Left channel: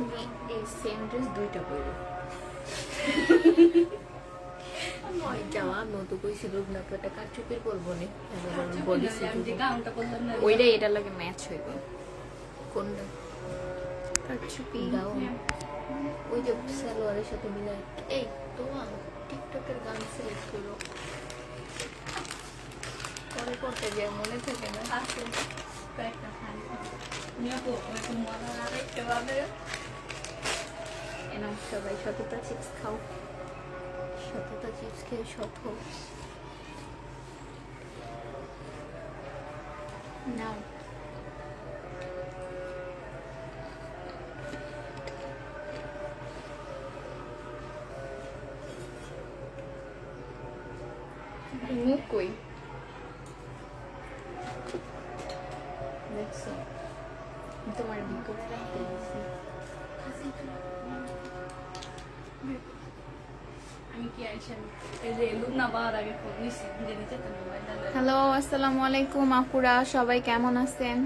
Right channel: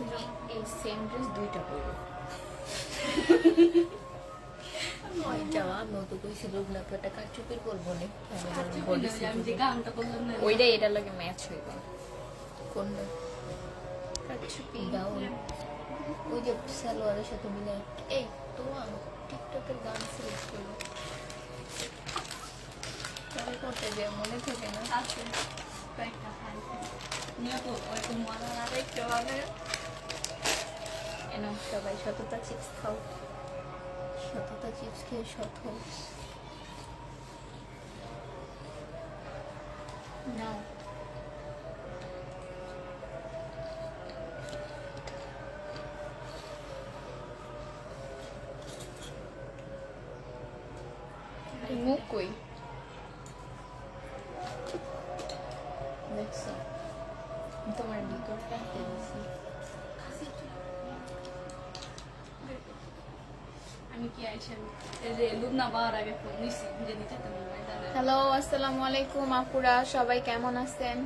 তুমি এই same dress দুইটা পরবে। যাওয়া নতুন কইছিল না তো একটা কাটচুপির পরবো নি ওইটা এটার লগে ম্যাচ হইবে। কোনটা? কাটচুপি গাউন ওই যে সালোয়ারের সাথে মিলাই। এই তোমার টিকটকের গান সিলেক্ট করো পরে করতে গিয়ে মনে থাকে না। সবাই সততা চিপস খাও, সততা চিপস খেয়ে সত হও। নাও মুখ কই দেখছো তোমার ভিতরে রাখতে দিয়েছি। হ্যালো আসসালামু আলাইকুম আপুরা, সবাই কেমন আছেন?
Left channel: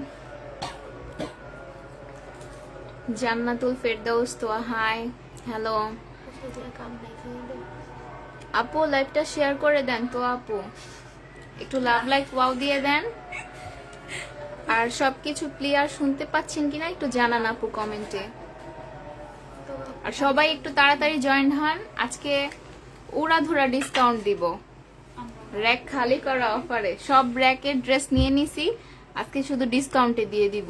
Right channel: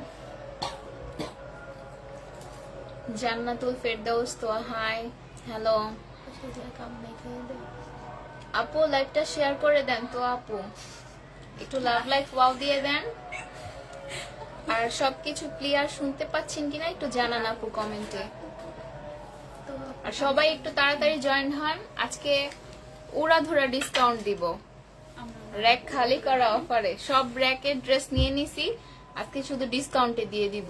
জান্নাতুল ফেরদাউস তো হাই হ্যালো আপু, লাইভটা শেয়ার করে দেন তো আপু, একটু লাভ লাইক ওয়াও দিয়ে দেন। আর সবকিছু ক্লিয়ার শুনতে পাচ্ছেন কিনা একটু জানান আপু কমেন্টে। আর সবাই একটু তাড়াতাড়ি জয়েন হন, আজকে উড়াধুরা ডিসকাউন্ট দিব। র‍্যাক খালি করা অফারে সব র‍্যাকের ড্রেস নিয়ে নিছি, আজকে শুধু ডিসকাউন্টে দিয়ে দিব।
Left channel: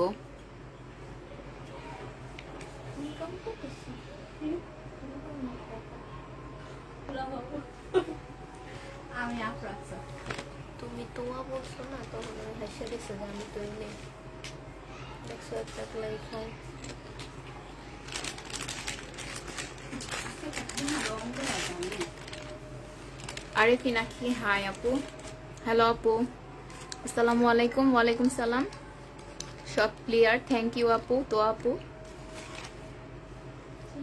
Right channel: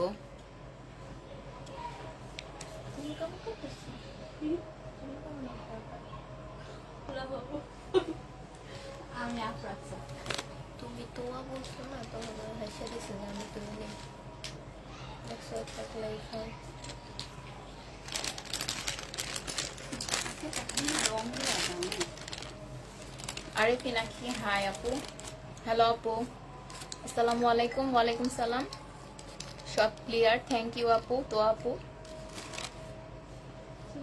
তুমি তোয়া বলছো না তখন হেসে গেছে আমি তুই নেই দেখছো একটা লাই খাই। আরে পিনাকি হাই আপু, হ্যালো আপু, আসসালামু আলাইকুম। ওয়ালাইকুম সালাম। সব ক্লিয়ার, থ্যাংক ইউ আপু।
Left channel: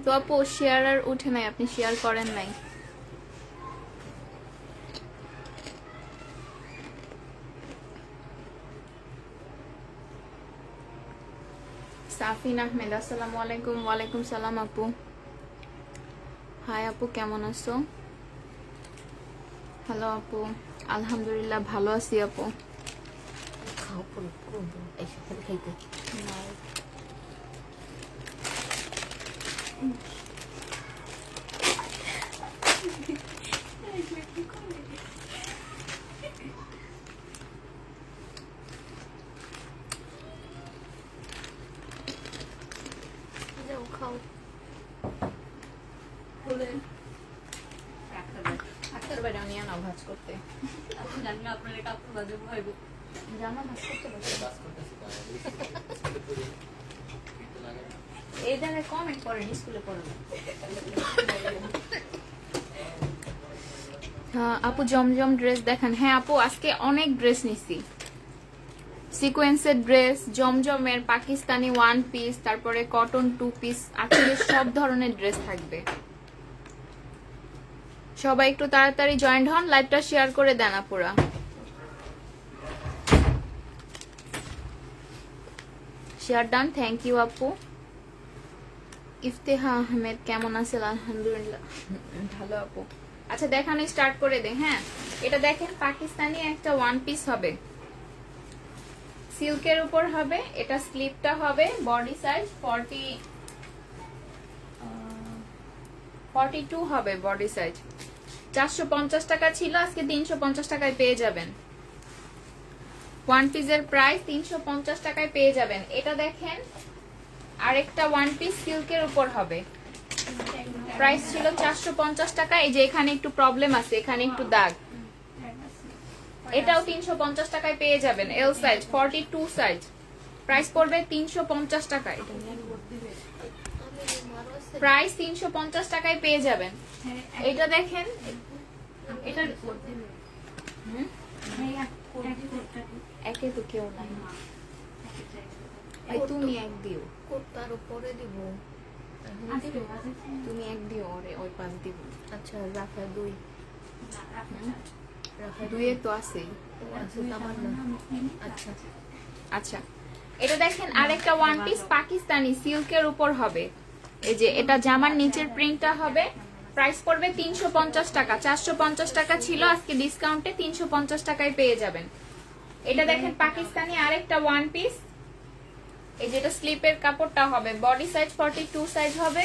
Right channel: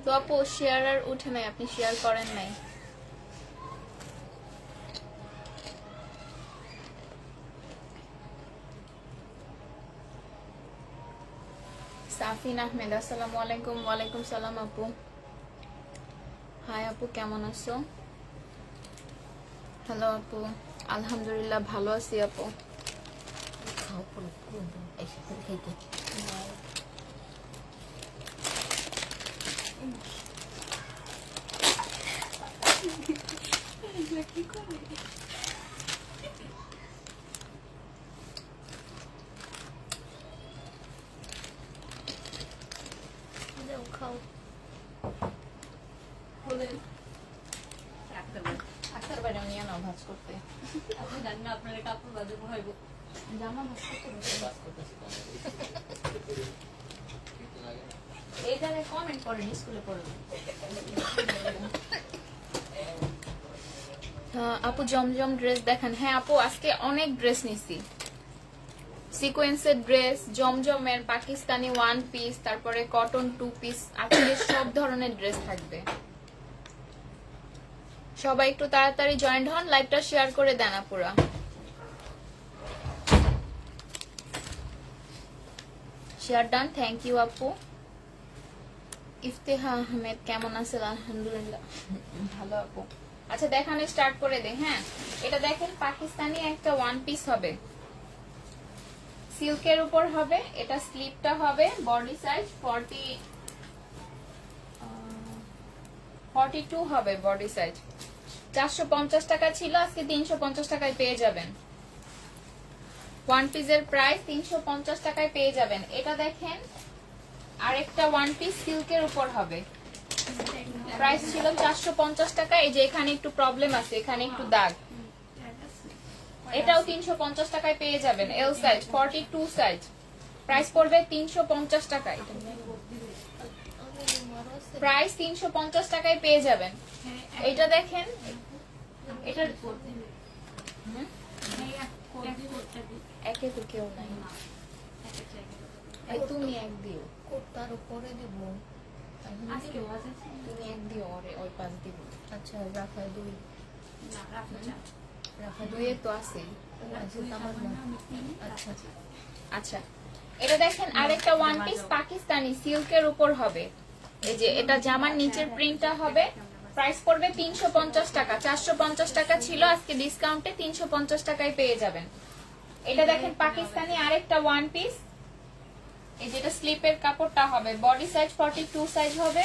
তো আপু শেয়ার আর উঠে নাই, আপনি শেয়ার করেন নাই। সাফিন আহমেদ আসসালামু আলাইকুম। ওয়ালাইকুম সালাম আপু, হাই আপু কেমন আছো? হ্যালো আপু, আলহামদুলিল্লাহ ভালো আছি আপু। খাও ভাজ করতে এই জায়গায় কমেন্ট করেন স্কুলে পড়বেন। আপু জমজম ড্রেস দেখেন। হ্যাঁ আপু আজকে অনেক ড্রেস নিছি, সিকোয়েন্সের ড্রেস, জমজমের, পাকিস্তানি ওয়ান পিস, তারপরে কটন টু পিস, আজকে সব ধরনের ড্রেস থাকবে। সবাই একটু তাড়াতাড়ি জয়েন্ট হন, লাইভটা শেয়ার করে দেন আপুরা। শেয়ার ডান, থ্যাংক ইউ আপু। ইফতেহা আহমেদ কেমন আছেন? আলহামদুলিল্লাহ ভালো আপু। আচ্ছা দেখানো স্টার্ট করে দে। হ্যাঁ এটা দেখেন পাকিস্তানি একটা ওয়ান পিস হবে, সিল্কের উপর হবে, এটা স্লিপটা হবে, বডি সাইজ 42 হবে বডি সাইজ। 450 টাকা ছিল, আজকে 350 টাকায় পেয়ে যাবেন। ওয়ান পিসের প্রাইস 350 টাকায় পেয়ে যাবেন। এটা দেখেন আরেকটা ওয়ান পিস সিল্কের উপর হবে, প্রাইস ছিল 450 টাকা। এই যে এখানে একটু প্রবলেম আছে, এখানে একটু দাগ, এটাও 350 টাকায় পেয়ে যাবেন। এল সাইজ 42 সাইজ, প্রাইস পড়বে 350 টাকা। প্রাইস 350 টাকায় পেয়ে যাবেন। এটা দেখেন, এটা একে তো কেউ নাই, তুমি এক দিও, তার উপরে দিব, তুমি এক দিও, ওই পাঁচ দিব। আচ্ছা রাখা দুই, দুইয়ে তো আছে। আচ্ছা আচ্ছা এটা দেখেন আরেকটা ওয়ান পিস পাকিস্তানি সিল্কের উপর হবে, এই যে এটা জামার নিচের প্রিন্টটা হবে, প্রাইস পড়বে 350 টাকা। 450 টাকা ছিল, আজকে ডিসকাউন্টে 350 টাকায় পেয়ে যাবেন। এটা দেখেন পাকিস্তানি আরেকটা ওয়ান পিস, এই যেটা স্লিপের কাপড়টা হবে, বডি সাইজ 42 সাইজ হবে,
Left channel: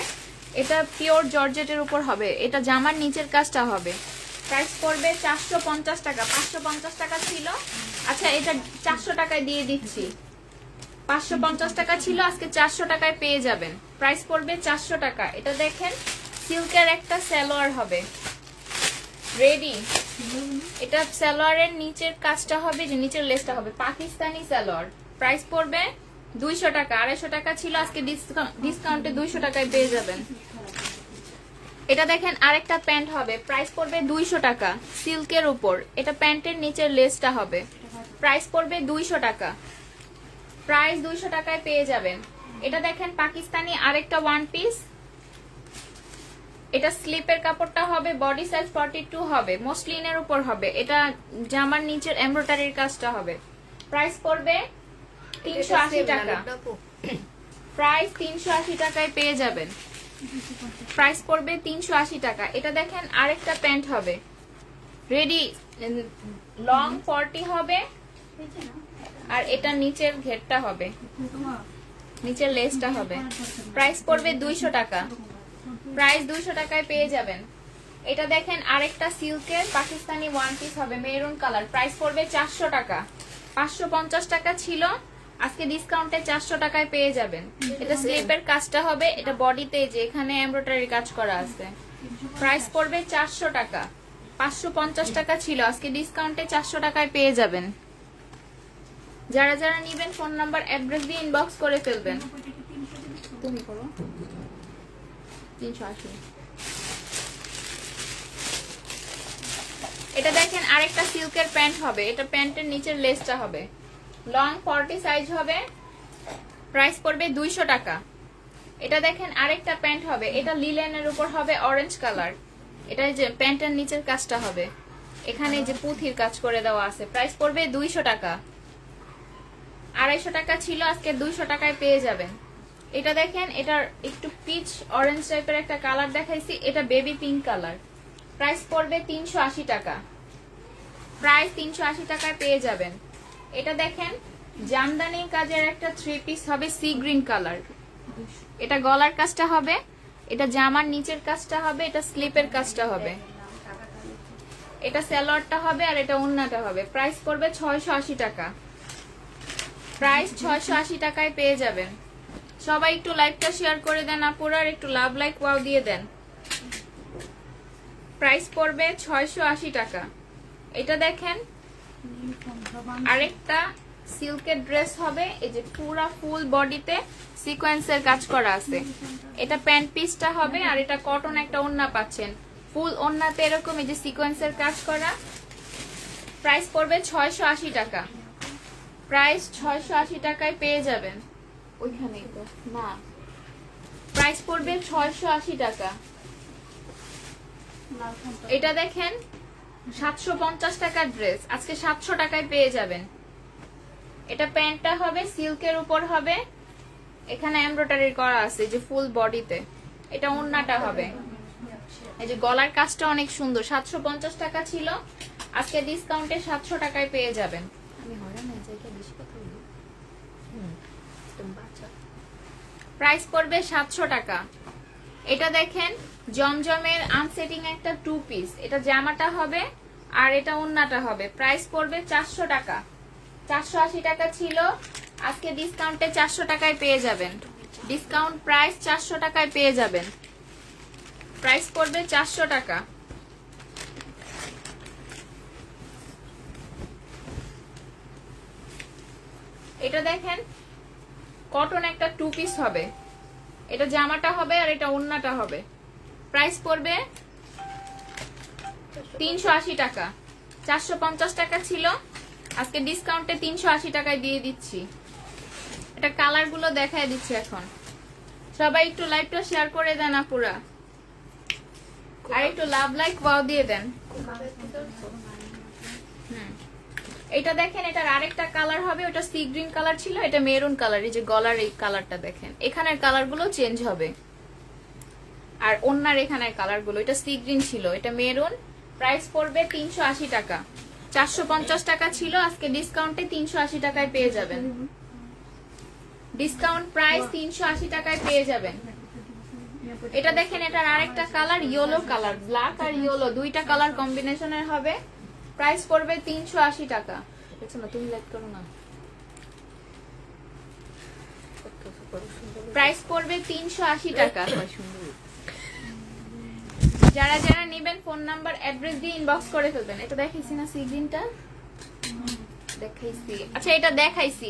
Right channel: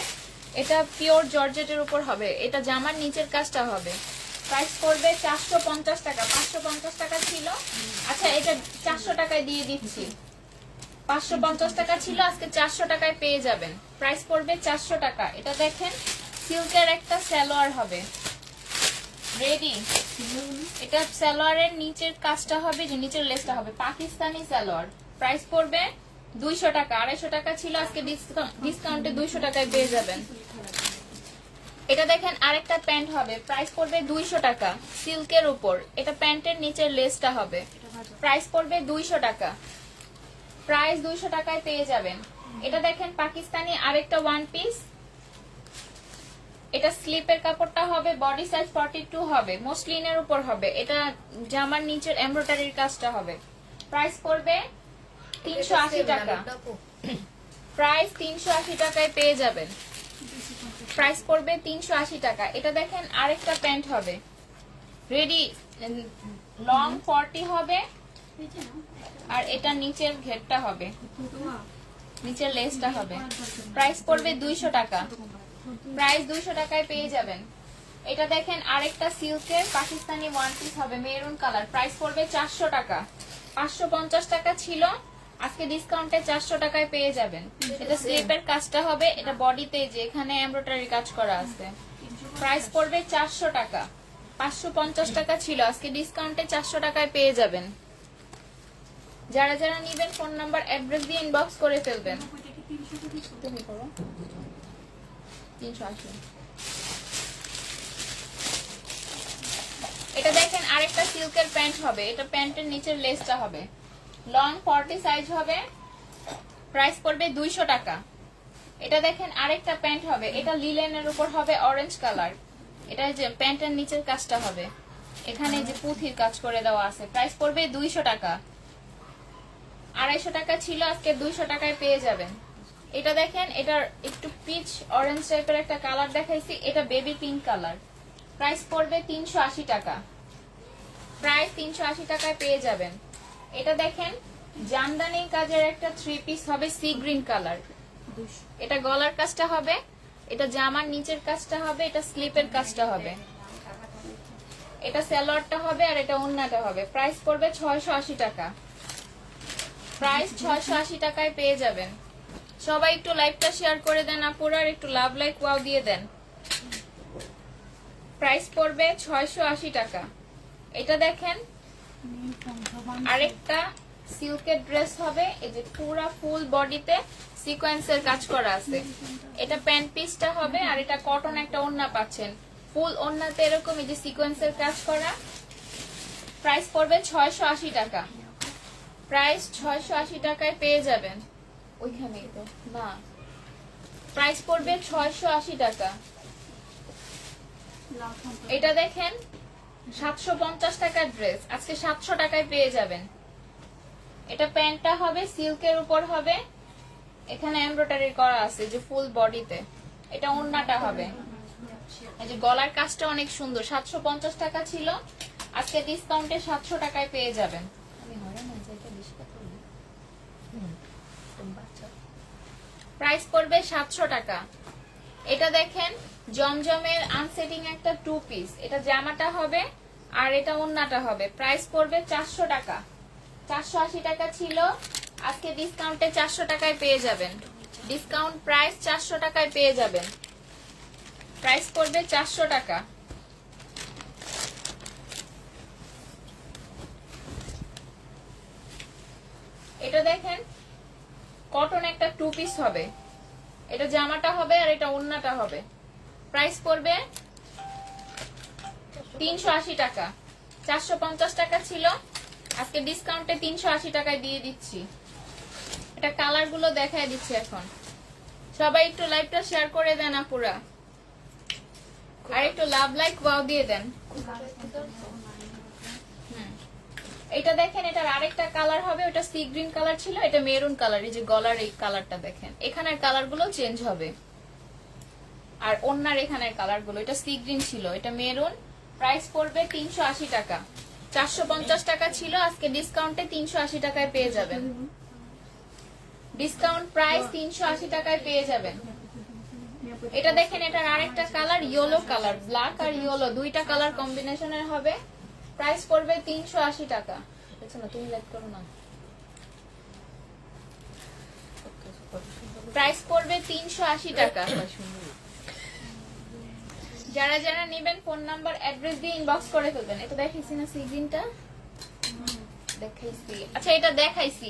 এটা পিওর জর্জেটের উপর হবে, এটা জামার নিচের কাজটা হবে। প্রাইস পড়বে 450 টাকা। 550 টাকা ছিল, আচ্ছা এটা 400 টাকায় দিয়ে দিচ্ছি। 550 টাকা ছিল, আজকে 400 টাকায় পেয়ে যাবেন। প্রাইস পড়বে 400 টাকা। এটা দেখেন সিল্কের একটা সালোয়ার হবে, রেডি। এটা সালোয়ারের নিচের কাজটা হবে, যে নিচের লেসটা হবে পাকিস্তানি সালোয়ার। প্রাইস পড়বে 200 টাকা। 250 টাকা ছিল, আজকে ডিসকাউন্টে 200 টাকায় পেয়ে যাবেন। এটা দেখেন আরেকটা প্যান্ট হবে, প্রাইস পড়বে 200 টাকা, সিল্কের উপর। এটা প্যান্টের নিচের লেসটা হবে, প্রাইস পড়বে 200 টাকা। প্রাইস 200 টাকায় পেয়ে যাবেন। এটা দেখেন পাকিস্তানি আরেকটা ওয়ান পিস, এটা স্লিপের কাপড়টা হবে, বডি সাইজ 42 হবে, মসলিনের উপর হবে, এটা জামার নিচের এমব্রয়ডারির কাজটা হবে। প্রাইস পড়বে 380 টাকা। প্রাইস 380 টাকায় পেয়ে যাবেন। প্রাইস পড়বে 380 টাকা। এটা দেখেন আরেকটা প্যান্ট হবে, রেডি, লং 40 হবে, আর এটা নিচের ঘেরটা হবে, নিচের লেসটা হবে। প্রাইস পড়বে 200 টাকা। প্রাইস 200 টাকায় পেয়ে যাবেন। এটা দেখেন আরেকটা সিল্কের পাকিস্তানি ওয়ান পিস হবে, মেরুন কালার। প্রাইস পড়বে 400 টাকা। 550 টাকা ছিল, আজকে ডিসকাউন্টে 400 টাকায় পেয়ে যাবেন। এটা স্লিপের কাজটা হবে, এটা বডিতে যে এখানে এমব্রয়ডারি কাজ করা আছে। প্রাইস পড়বে 400 টাকা। 550 টাকা ছিল, আজকে ডিসকাউন্টে 400 টাকায় পেয়ে যাবেন। যারা যারা নিবেন ফোন নাম্বার অ্যাড্রেস দিয়ে ইনবক্স করে ফেলবেন। তুমি করো 380। এটা দেখেন আরেকটা সিল্কের প্যান্ট হবে, এটা প্যান্টের নিচের লেসটা হবে, লং 40 সাইজ হবে। প্রাইস পড়বে 200 টাকা। এটা দেখেন আরেকটা প্যান্ট হবে, এটা লিলেনের উপর হবে, অরেঞ্জ কালার। এটা যে প্যান্টের নিচের কাজটা হবে, এখানে যে পুঁথির কাজ করে দেওয়া আছে। প্রাইস পড়বে 200 টাকা। 250 টাকা ছিল, আজকে 200 টাকায় পেয়ে যাবেন। এটা দেখেন, এটা একটু পিচ অরেঞ্জ টাইপের একটা কালার দেখাইছি, এটা বেবি পিঙ্ক কালার। প্রাইস পড়বে 380 টাকা। প্রাইস 380 টাকায় পেয়ে যাবেন। এটা দেখেন জামদানি কাজের একটা 3 পিস হবে, সি গ্রিন কালার। এটা গলার কাজটা হবে, এটা জামার নিচের কাজটা হবে, এটা স্লিপের কাজটা হবে, এটা সালোয়ারটা হবে, আর এটা ওড়নাটা হবে। প্রাইস পড়বে 680 টাকা। প্রাইস 680 টাকায় পেয়ে যাবেন। সবাই একটু লাইকটা শেয়ার করে দেন আপুরা, আর একটু লাভ লাইক ওয়াও দিয়ে দেন। প্রাইস পড়বে 680 টাকা। এটা দেখেন আরেকটা সিল্কের ড্রেস হবে, এই যে পুরা ফুল বডিতে সিকোয়েন্সের কাজ করা আছে। এটা প্যান্ট পিসটা হবে, আর এটা কটন একটা ওড়না পাচ্ছেন, ফুল ওড়নাতে এরকম এই যে সিকোয়েন্সের কাজ করা। প্রাইস পড়বে 680 টাকা। প্রাইস 680 টাকায় পেয়ে যাবেন। ওইখানেই তো না, প্রাইস পড়বে 680 টাকা। এটা দেখেন 750 টাকার ড্রেস, আজকে 700 টাকায় পেয়ে যাবেন। এটা প্যান্টটা হবে, সিল্কের উপর হবে, এখানে এমব্রয়ডারি করা আছে যে ফুল বডিতে। এটা ওড়নাটা হবে, এই যে গলার কাজটা অনেক সুন্দর। 750 টাকা ছিল, আজকে ডিসকাউন্টে 700 টাকায় পেয়ে যাবেন। প্রাইস পড়বে 700 টাকা। এটা দেখেন জমজমের আনসেটিং একটা 2 পিস, এটা জামাটা হবে, আর এটা ওড়নাটা হবে। প্রাইস পড়বে 400 টাকা। 480 টাকা ছিল, আজকে ডিসকাউন্টে 400 টাকায় পেয়ে যাবেন। ডিসকাউন্ট প্রাইস 400 টাকায় পেয়ে যাবেন। প্রাইস পড়বে 400 টাকা। এটা দেখেন কটন একটা 2 পিস হবে, এটা জামাটা হবে, আর এটা ওড়নাটা হবে। প্রাইস পড়বে 380 টাকা। 450 টাকা ছিল, আজকে ডিসকাউন্টে 380 টাকায় দিয়ে দিচ্ছি। এটা কালার গুলো দেখায় দিচ্ছি এখন। সবাই একটু লাইভটা শেয়ার করে দেন আপুরা, আর একটু লাভ লাইক ওয়াও দিয়ে দেন। এটা দেখেন, এটার আরেকটা কালার হবে, ওটা সি গ্রিন কালার ছিল, এটা মেরুন কালার। এই যে গলার এই কালারটা দেখেন, এখানের কালার গুলো চেঞ্জ হবে। আর ওন্নার এখানে কালার গুলো, এটা সি গ্রিন ছিল, এটা মেরুন। প্রাইস পড়বে 380 টাকা। 450 টাকা ছিল, আজকে ডিসকাউন্টে 380 টাকায় পেয়ে যাবেন। ডিসকাউন্ট প্রাইস 380 টাকায় পেয়ে যাবেন। এটা দেখেন, এটার আরেকটা কালার ইয়েলো কালার, ব্ল্যাক আর ইয়েলো দুইটা কালার কম্বিনেশনের হবে। প্রাইস পড়বে 380 টাকা। বুঝছো না, তুমি লাইক করো না। প্রাইস পড়বে 380 টাকা। যারা যারা নেবেন ফোন নাম্বার অ্যাড্রেস দিয়ে ইনবক্স করে ফেলবেন। এটা দেখাইছি না সি গ্রিনটা? দেখাইছি, আচ্ছা এটা দেখাইছি,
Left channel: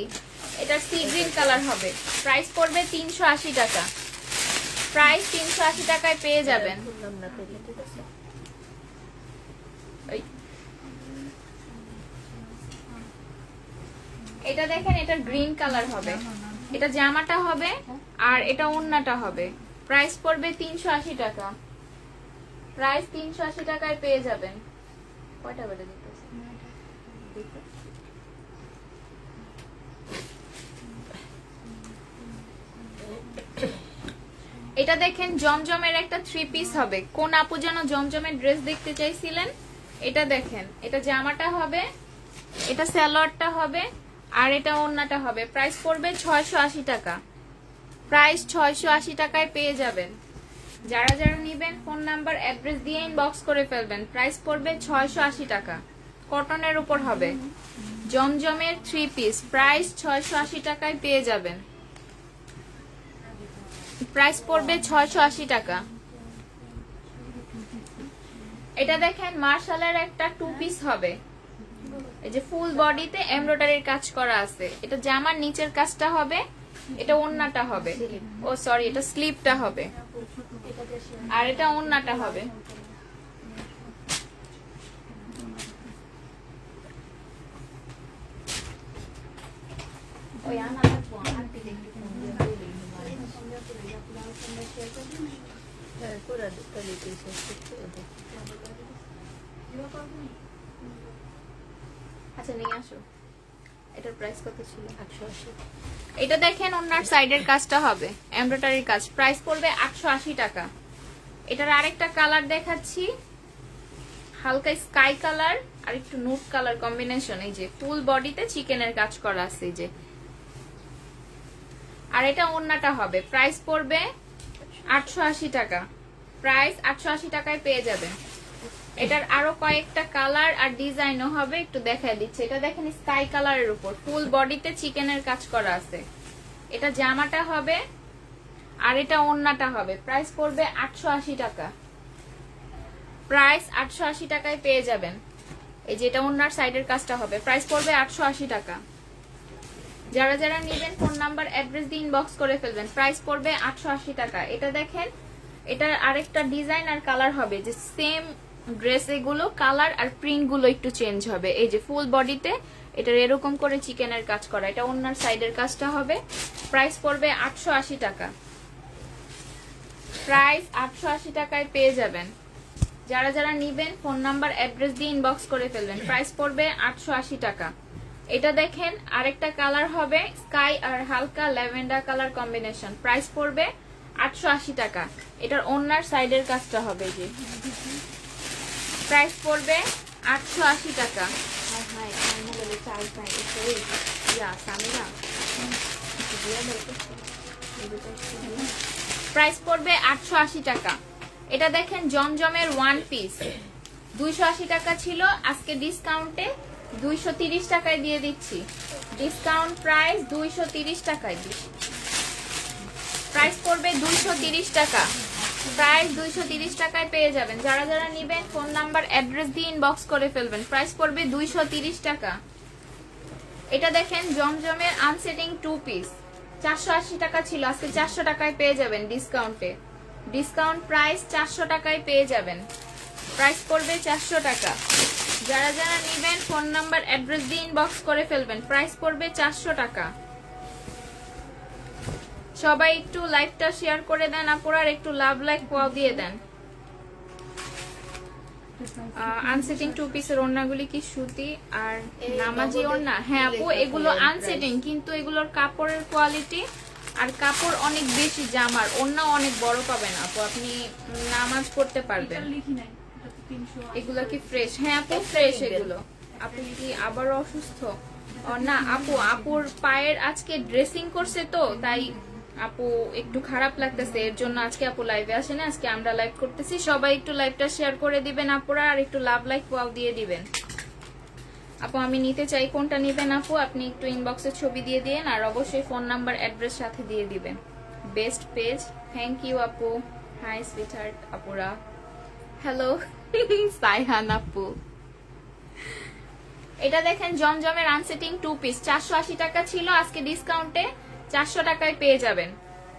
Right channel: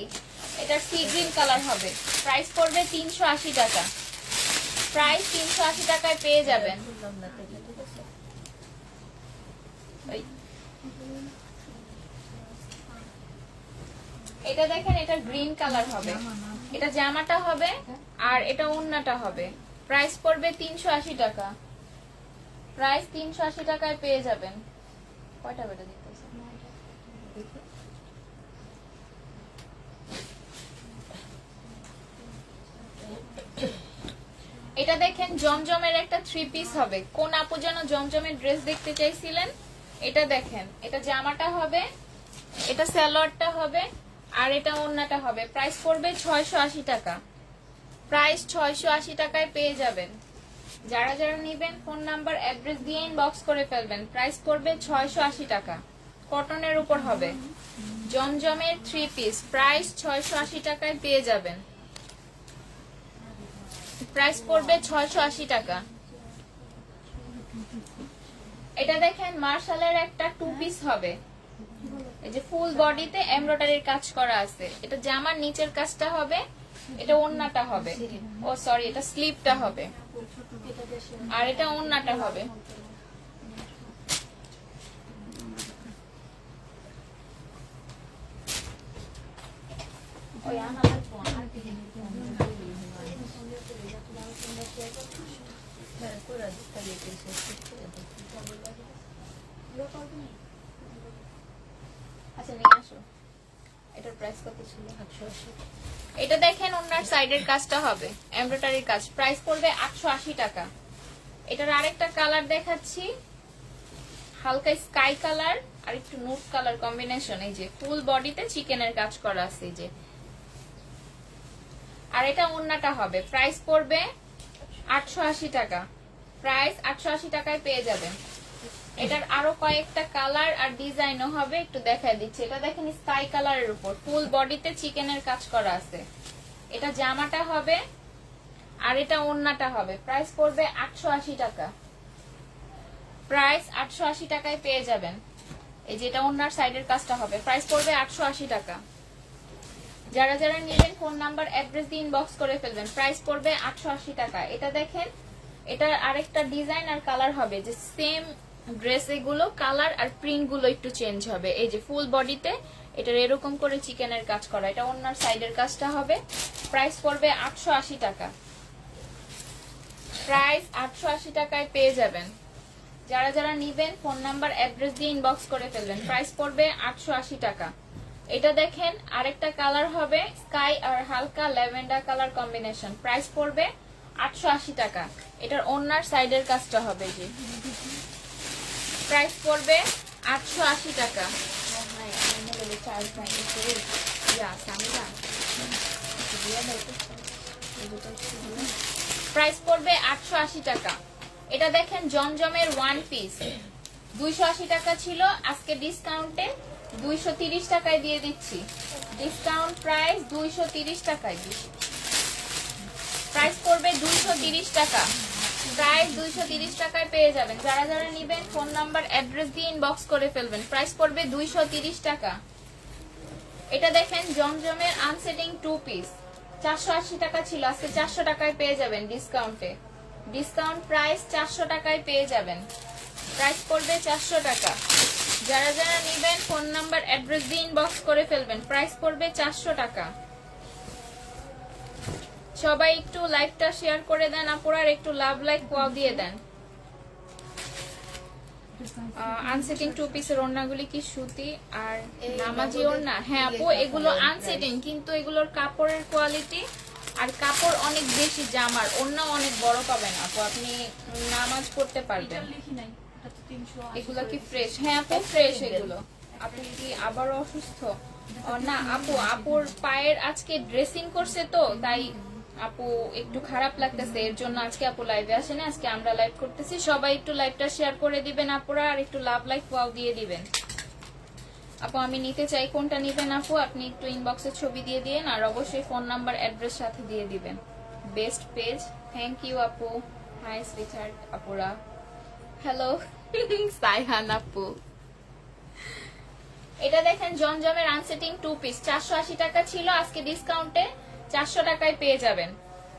এটা সি গ্রিন কালার হবে। প্রাইস পড়বে 380 টাকা। প্রাইস 380 টাকায় পেয়ে যাবেন। এটা দেখেন, এটা গ্রিন কালার হবে, এটা জামাটা হবে আর এটা ওড়নাটা হবে। প্রাইস পড়বে 380 টাকা। প্রাইস 380 টাকায় পেয়ে যাবেন। কয়টা বেটা দিতেছে? এটা দেখেন, জমজমের একটা 3 পিস হবে। কোন আপু যেন জমজমের ড্রেস দেখতে চাইছিলেন? এটা দেখেন, এটা জামাটা হবে, এটা সালোয়ারটা হবে আর এটা ওড়নাটা হবে। প্রাইস পড়বে 680 টাকা। প্রাইস 680 টাকায় পেয়ে যাবেন। যারা যারা নিবেন ফোন নাম্বার অ্যাড্রেস দিয়ে ইনবক্স করে ফেলবেন। প্রাইস পড়বে 680 টাকা। কটনের উপর হবে, জমজমের 3 পিস। প্রাইস 680 টাকায় পেয়ে যাবেন। প্রাইস পড়বে 680 টাকা। এটা দেখেন, মার্শালের একটা 2 পিস হবে, এই যে ফুল বডিতে এমব্রয়ডারির কাজ করা আছে। এটা জামার নিচের কাজটা হবে, এটা ওড়নাটা হবে, ও সরি এটা স্লিপটা হবে আর এটা ওড়নাটা হবে। ওই আমাদের আচ্ছা নিয়ে আসো। এটার প্রাইস কত ছিল? 880। এটা দেখেন, ওনার সাইডের কাজটা হবে এমব্রয়ডারির কাজ। প্রাইস পড়বে 880 টাকা। এটার আরেকটা কালার দেখাচ্ছি, হালকা স্কাই কালার আর একটু নুট কালার কম্বিনেশন। এই যে ফুল বডিতে চিকেনের কাজ করা আছে, এই যে। আর এটা ওড়নাটা হবে। প্রাইস পড়বে 880 টাকা। প্রাইস 880 টাকায় পেয়ে যাবেন। এটার আরো কয়েকটা কালার আর ডিজাইনও হবে, একটু দেখায় দিচ্ছি। এটা দেখেন, স্কাই কালারের উপর ফুল বডিতে চিকেনের কাজ করা আছে। এটা জামাটা হবে আর এটা ওড়নাটা হবে। প্রাইস পড়বে 880 টাকা। প্রাইস 880 টাকায় পেয়ে যাবেন। এই যে এটা ওড়নার সাইডের কাজটা হবে। প্রাইস পড়বে 880 টাকা। যারা যারা নিবেন ফোন নাম্বার অ্যাড্রেস দিয়ে ইনবক্স করে ফেলবেন। প্রাইস পড়বে 880 টাকা। এটা দেখেন, এটার আরেকটা ডিজাইন আর কালার হবে, যে সেম ড্রেস, এগুলো কালার আর প্রিন্ট গুলো একটু চেঞ্জ হবে। এই যে ফুল বডিতে এটার এরকম করে চিকেনের কাজ করা, এটা ওনার সাইডের কাজটা হবে। প্রাইস পড়বে 880 টাকা। প্রাইস 880 টাকায় পেয়ে যাবেন। যারা যারা নিবেন ফোন নাম্বার অ্যাড্রেস দিয়ে ইনবক্স করে ফেলবেন। প্রাইস পড়বে 880 টাকা। এটা দেখেন, আরেকটা কালার হবে স্কাই আর হালকা ল্যাভেন্ডার কালার কম্বিনেশন। প্রাইস পড়বে 880 টাকা। এটার ওনার সাইডের কাজটা হবে, যে প্রাইস পড়বে 880 টাকা। প্রাইস পড়বে 880 টাকা। এটা দেখেন, জমজমের 1 পিস 280 টাকা ছিল, আজকে ডিসকাউন্টে 230 টাকায় দিয়ে দিচ্ছি। ডিসকাউন্ট প্রাইস 230 টাকায় দিচ্ছি। প্রাইস পড়বে 230 টাকা। প্রাইস 230 টাকায় পেয়ে যাবেন। যারা যারা নিবেন ফোন নাম্বার অ্যাড্রেস দিয়ে ইনবক্স করে ফেলবেন। প্রাইস পড়বে 230 টাকা। এটা দেখেন, জমজমের আনসেটিং 2 পিস 480 টাকা ছিল, আজকে 400 টাকায় পেয়ে যাবেন ডিসকাউন্টে। ডিসকাউন্ট প্রাইস 400 টাকায় পেয়ে যাবেন। প্রাইস পড়বে 400 টাকা। যারা যারা নিবেন ফোন নাম্বার অ্যাড্রেস দিয়ে ইনবক্স করে ফেলবেন। প্রাইস পড়বে 400 টাকা। সবাই একটু লাইভটা শেয়ার করে দেন আপুরা, আর একটু লাভ লাইক ওয়াও দিয়ে দেন। আনসেটিং 2 পিসের ওড়নাগুলি কি সুতি আর নামাজি ওড়না? হ্যাঁ আপু, এগুলো আনসেটিং, কিন্তু এগুলোর কাপড়ের কোয়ালিটি আর কাপড় অনেক বেশি জামার, অন্য অনেক বড় পাবেন আপু, আপনি নামাজ পড়তে পারবেন। এগুলা কি ফ্রেশ? হ্যাঁ আপু ফ্রেশ এগুলো। আপু কি আবারও অসুস্থ? না আপু, আপুর পায়ের আজকে ড্রেসিং করছে তো তাই আপু একটু খারাপ লাগতেছে, এর জন্য আজকে আপু লাইভে আসে না, আজকে আমরা লাইভ করতেছি। সবাই একটু লাইভটা শেয়ার করে দিবেন আপুরা, আর একটু লাভ লাইক ওয়াও দিয়ে দিবেন। আপু আমি নিতে চাই, কোনটা নিবেন আপু আপনি একটু ইনবক্সে ছবি দিয়ে দিন, আর অবশ্যই ফোন নাম্বার অ্যাড্রেস সাথে দিয়ে দিবেন। বেস্ট পেজ, থ্যাংক ইউ আপু। হাই সুইটহার্ট আপুরা, হ্যালো সাইহান আপু। এটা দেখেন জমজমের আনসেটিং 2 পিস 480 টাকা ছিল, আজকে ডিসকাউন্টে 400 টাকায় পেয়ে যাবেন।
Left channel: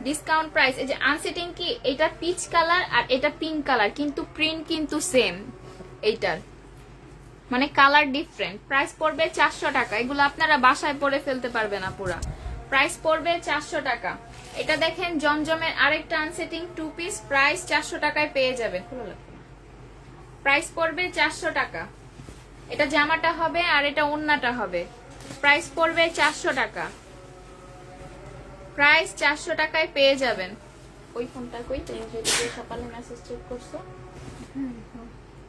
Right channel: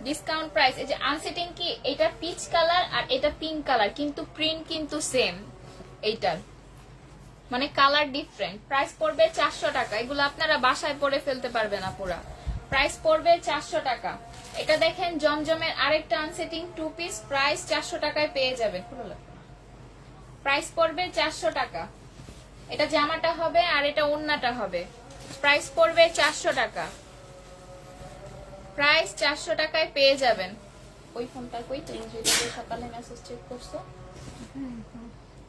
Discount price. এই যে আনসেটিং কি, এটা পিচ কালার আর এটা পিঙ্ক কালার, কিন্তু প্রিন্ট কিন্তু সেম, এইটার মানে কালার ডিফারেন্ট। প্রাইস পড়বে 400 টাকা, এগুলো আপনারা বাসায় পরে ফেলতে পারবেন না পুরা। প্রাইস পড়বে 400 টাকা। এটা দেখেন জমজমের আরেকটা আনসেটিং 2 পিস, প্রাইস 400 টাকায় পেয়ে যাবেন। প্রাইস পড়বে 400 টাকা। এটা জামাটা হবে আর এটা ওড়নাটা হবে। প্রাইস পড়বে 400 টাকা। প্রাইস 400 টাকায় পেয়ে যাবেন। ওই ফোনটা কই, তুমি যেটা দিয়ে সকালে মেসেজ চেক করছো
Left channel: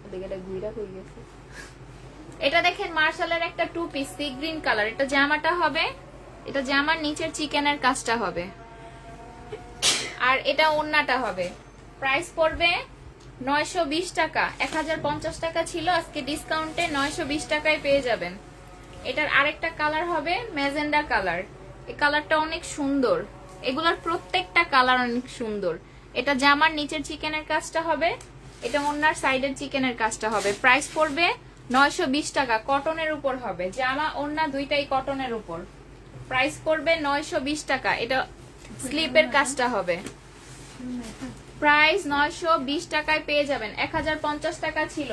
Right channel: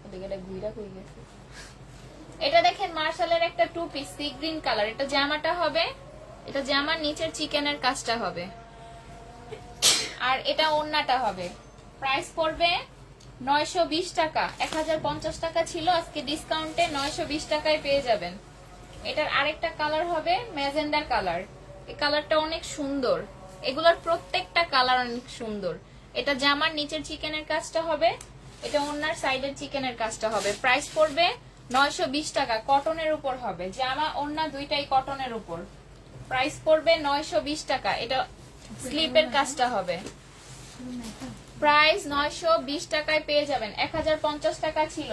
ওদিকে ঘুরা কই গেছে। এটা দেখেন মার্শালের একটা 2 পিস সি গ্রিন কালার, এটা জামাটা হবে, এটা জামার নিচের চিকেনের কাজটা হবে, আর এটা ওড়নাটা হবে। প্রাইস পড়বে 920 টাকা। 1050 টাকা ছিল, আজকে ডিসকাউন্টে 920 টাকায় পেয়ে যাবেন। এটার আরেকটা কালার হবে ম্যাজেন্ডা কালার, এই কালারটা অনেক সুন্দর, এগুলোর প্রত্যেকটা কালার অনেক সুন্দর। এটা জামার নিচের চিকেনের কাজটা হবে, এটা ওড়নার সাইডের চিকেনের কাজটা হবে। প্রাইস পড়বে 920 টাকা, কটনের উপর হবে, জামা ওড়না দুইটাই কটনের উপর। প্রাইস পড়বে 920 টাকা, এটা স্লিপের কাজটা হবে। প্রাইস 920 টাকায় পেয়ে যাবেন। 1050 টাকা ছিল।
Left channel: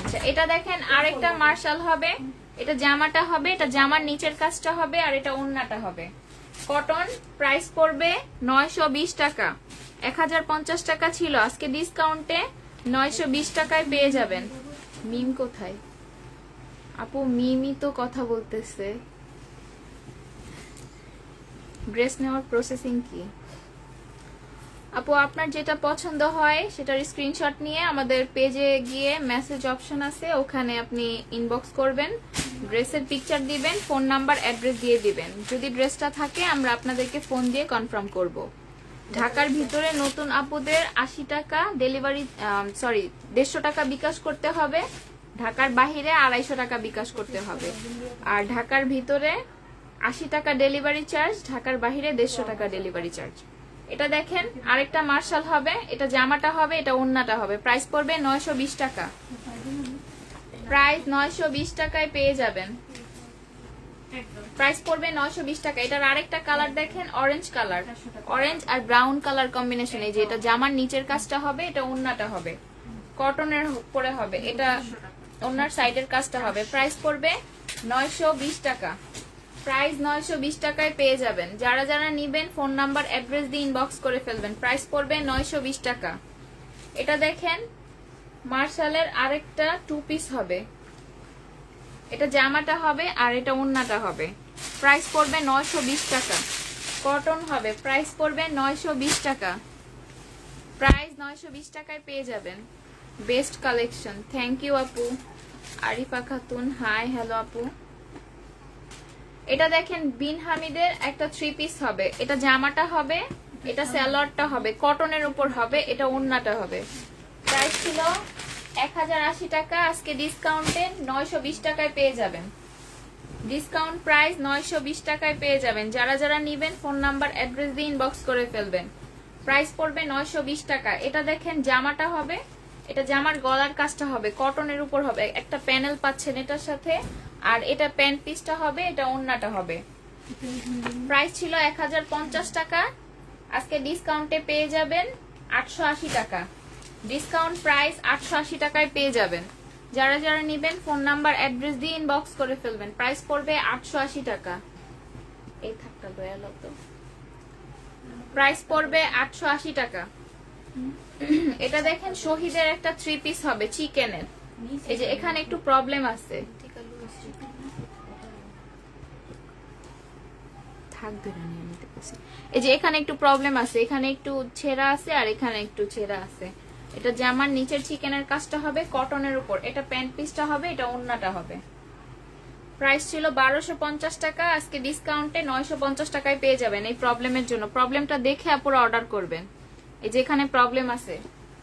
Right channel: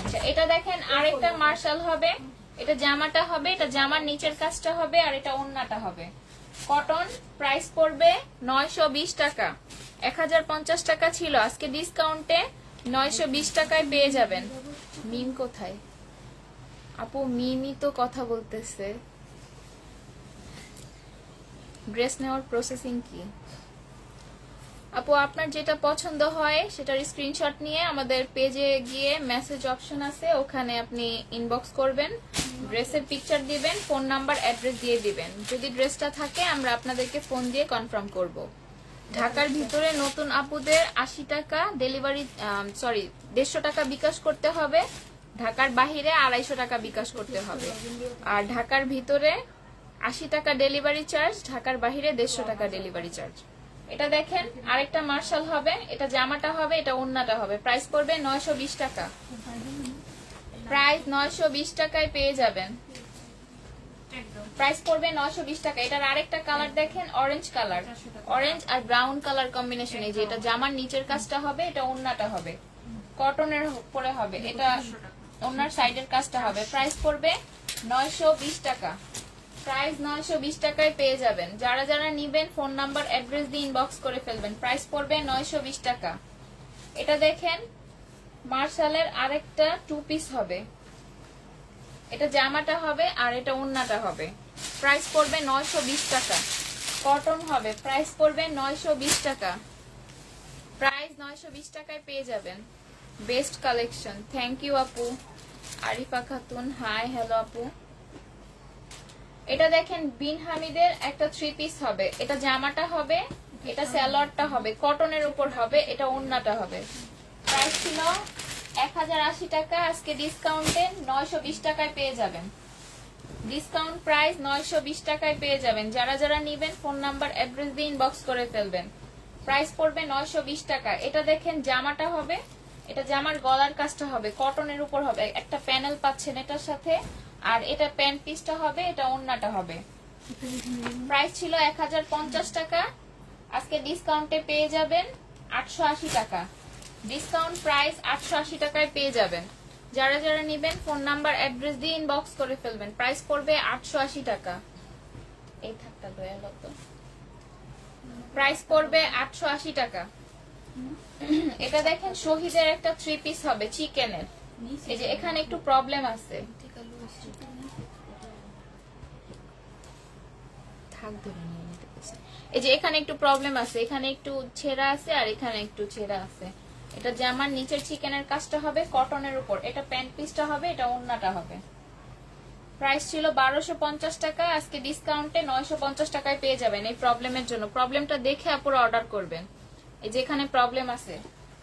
আচ্ছা এটা দেখেন আরেকটা মার্শাল হবে, এটা জামাটা হবে, এটা জামার নিচের কাজটা হবে, আর এটা ওড়নাটা হবে কটন। প্রাইস পড়বে 920 টাকা। 1050 টাকা ছিল, আজকে ডিসকাউন্টে 920 টাকায় পেয়ে যাবেন। মিম কোথায় আপু? মিমি তো কথা বলতেছে। ড্রেস নেওয়ার প্রসেসিং কি আপু? আপনার যেটা পছন্দ হয় সেটার স্ক্রিনশট নিয়ে আমাদের পেজে গিয়ে মেসেজ অপশন আছে, ওখানে আপনি ইনবক্স করবেন, ড্রেসের পিকচার দিবেন, ফোন নাম্বার অ্যাড্রেস দিয়ে দিবেন। যদি ড্রেসটা থাকে আমরা আপনাদেরকে ফোন দিয়ে কনফার্ম করব। ঢাকার ভিতরে নতুন আপুদের 80 টাকা ডেলিভারি, 150 টাকা বিকাশ করতে হবে, ঢাকার বাহিরে 250 টাকা বিকাশ করতে হবে। আর ঢাকার ভিতরে 80 টাকা ডেলিভারি চার্জ, ঢাকার বাহিরে 150 টাকা ডেলিভারি চার্জ। এটা দেখেন আরেকটা মার্শাল হবে, এটা জামাটা হবে, এটা ওড়নাটা হবে। প্রাইস পড়বে 920 টাকা। প্রাইস 920 টাকায় পেয়ে যাবেন। প্রাইস পড়বে 920 টাকা। এটার আরেকটা কালার দেখেন অরেঞ্জ কালার, অরেঞ্জ আর ব্রাউন কালার কম্বিনেশন। এই যে এটা জামার নিচের কাজটা হবে, এটা ওড়নাটা হবে, কটনের উপরে হবে, এটা ওড়নার সাইডের কাজটা হবে। প্রাইস পড়বে 920 টাকা। প্রাইস 920 টাকায় পেয়ে যাবেন। যারা যারা নিবেন ফোন নাম্বার অ্যাড্রেস দিয়ে ইনবক্স করে ফেলবেন। প্রাইস পড়বে 920 টাকা। এটা দেখেন মার্শালের আরেকটা 2 পিস হবে, এটা জামাটা হবে আর এটা ওড়নাটা হবে। প্রাইস পড়বে 920 টাকা, কটন হবে। প্রাইস পড়বে 920 টাকা। প্রাইস 920 টাকায় পেয়ে যাবেন। বেস্ট কালেকশন, থ্যাংক ইউ আপু। আরিফা খাতুন, হাই হ্যালো আপু। এটা দেখেন বিন হামিদের একটা 3 পিস হবে, এটা জামাটা হবে, এটা সালোয়ারটা হবে, কটনের উপর হবে, এটা ওড়নাটা হবে। প্রাইস ছিল 1080 টাকা, আজকে ডিসকাউন্টে 920 টাকায় পেয়ে যাবেন। ডিসকাউন্ট প্রাইস 920 টাকায় পেয়ে যাবেন। যারা যারা নিবেন ফোন নাম্বার অ্যাড্রেস দিয়ে ইনবক্স করে ফেলবেন। প্রাইস পড়বে 920 টাকা। এটা দেখেন জামাটা হবে, এটা জামার গলার কাজটা হবে, কটনের উপর হবে, একটা প্যানেল পাচ্ছেন এটার সাথে, আর এটা প্যান্ট পিসটা হবে, এটা ওড়নাটা হবে। প্রাইস ছিল 1050 টাকা, আজকে ডিসকাউন্টে পেয়ে যাবেন 880 টাকা। ডিসকাউন্ট প্রাইস 880 টাকায় পেয়ে যাবেন। যারা যারা নিবেন ফোন নাম্বার অ্যাড্রেস দিয়ে ইনবক্স করে ফেলবেন। প্রাইস পড়বে 880 টাকা। এই থাকটা দয়াল তো প্রাইস পড়বে 880 টাকা। এটা দেখেন শহীদের একটা 3 পিস হবে চিকেনের, এই যে এখানে একটু প্রবলেম আছে, ফাঁক ধরে নিয়ে নিতেছি। এই যে এখানে একটু প্রবলেম আছে, এখানে একটু ছেঁড়া আছে আর এখানে একটু ছেঁড়া আছে। এটা জামার নিচের চিকেনের কাজটা হবে কটনের উপর, এটা প্যান্ট পিসটা হবে, এটা ওড়নাটা হবে। প্রাইস ছিল 1250 টাকা, আজকে ডিসকাউন্টে 950 টাকায় পেয়ে যাবেন। এই প্রবলেমের জন্য প্রবলেমটা দেখে আপনারা অর্ডার করবেন। এই যে এখানে প্রবলেম আছে,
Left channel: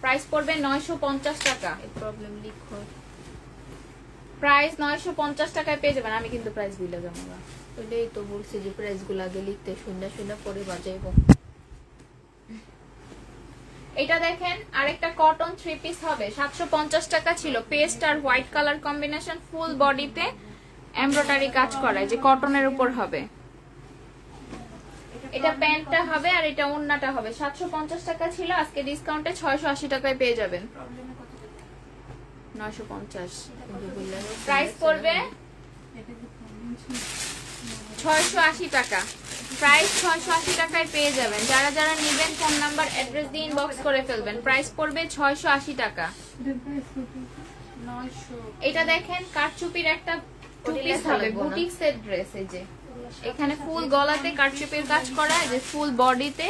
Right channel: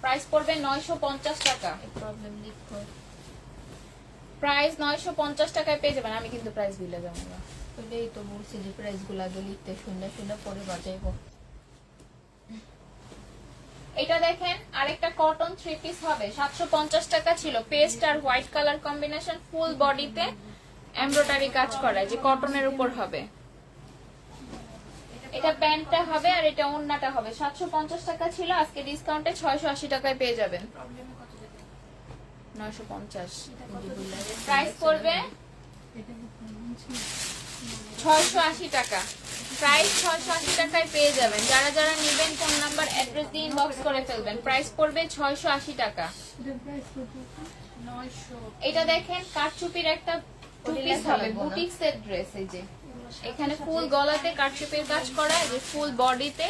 প্রাইস পড়বে 950 টাকা। এই প্রবলেম লিখো, প্রাইস 950 টাকায় পেয়ে যাবেন। আমি কিন্তু প্রাইস ভুলে যাবো না, এটাই তো বলছি যে প্রাইস গুলো আগে লিখতে, শুনে শুনে পরে বাজাইব। এটা দেখেন আরেকটা কটন 3 পিস হবে, 750 টাকা ছিল। পেস্ট আর হোয়াইট কালার কম্বিনেশন, ফুল বডিতে এমব্রয়ডারি কাজ করা, যে কটনের উপর হবে। এটা প্যান্টটা হবে আর এটা ওড়নাটা হবে। 750 টাকা ছিল, আজকে ডিসকাউন্টে 680 টাকায় পেয়ে যাবেন। 950 প্রাইস পড়বে 680 টাকা। প্রাইস 680 টাকায় পেয়ে যাবেন। যারা যারা নেবেন ফোন নাম্বার অ্যাড্রেস দিয়ে ইনবক্স করে ফেলবেন। প্রাইস পড়বে 680 টাকা। এটা দেখেন কারচুপির একটা পিস হবে, বুটিক্সের ড্রেস। এই যে এখানে ফুল গলাতে কারচুপির কাজ করা, যে ফুল বডিতে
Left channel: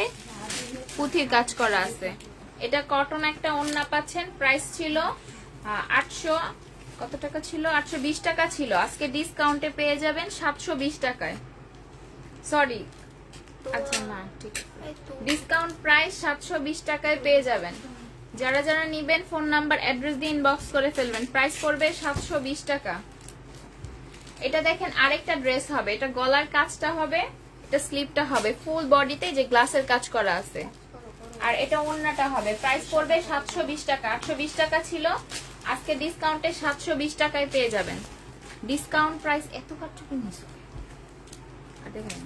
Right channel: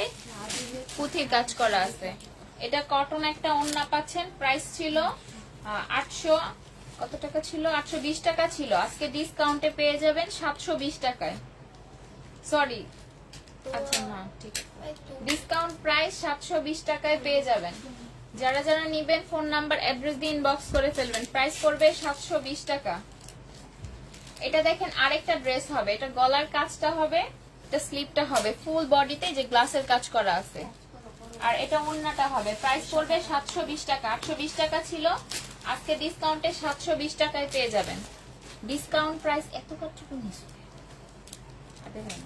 পুঁথির কাজ করা আছে। এটা কটন একটা ওড়না পাচ্ছেন। প্রাইস ছিল 800 কত টাকা ছিল, 820 টাকা ছিল। আজকে ডিসকাউন্টে পেয়ে যাবেন 720 টাকায়। সরি, আচ্ছা না ঠিক, ডিসকাউন্ট প্রাইস 720 টাকায় পেয়ে যাবেন। যারা যারা নিবেন ফোন নাম্বার অ্যাড্রেস দিয়ে ইনবক্স করে ফেলবেন। প্রাইস পড়বে 720 টাকা। এটা দেখেন আরেকটা ড্রেস হবে, এটা গলার কাজটা হবে, এটা স্লিপটা হবে, ফুল বডিতে যে গ্লাসের কাজ করা আছে, আর এটা ওড়নাটা হবে। প্রাইস পড়বে 720 টাকা। 820 টাকা ছিল, আজকে ডিসকাউন্টে 720 টাকায় পেয়ে যাবেন। ডিসকাউন্ট প্রাইস এত কতটুকু নিছে দেখেন।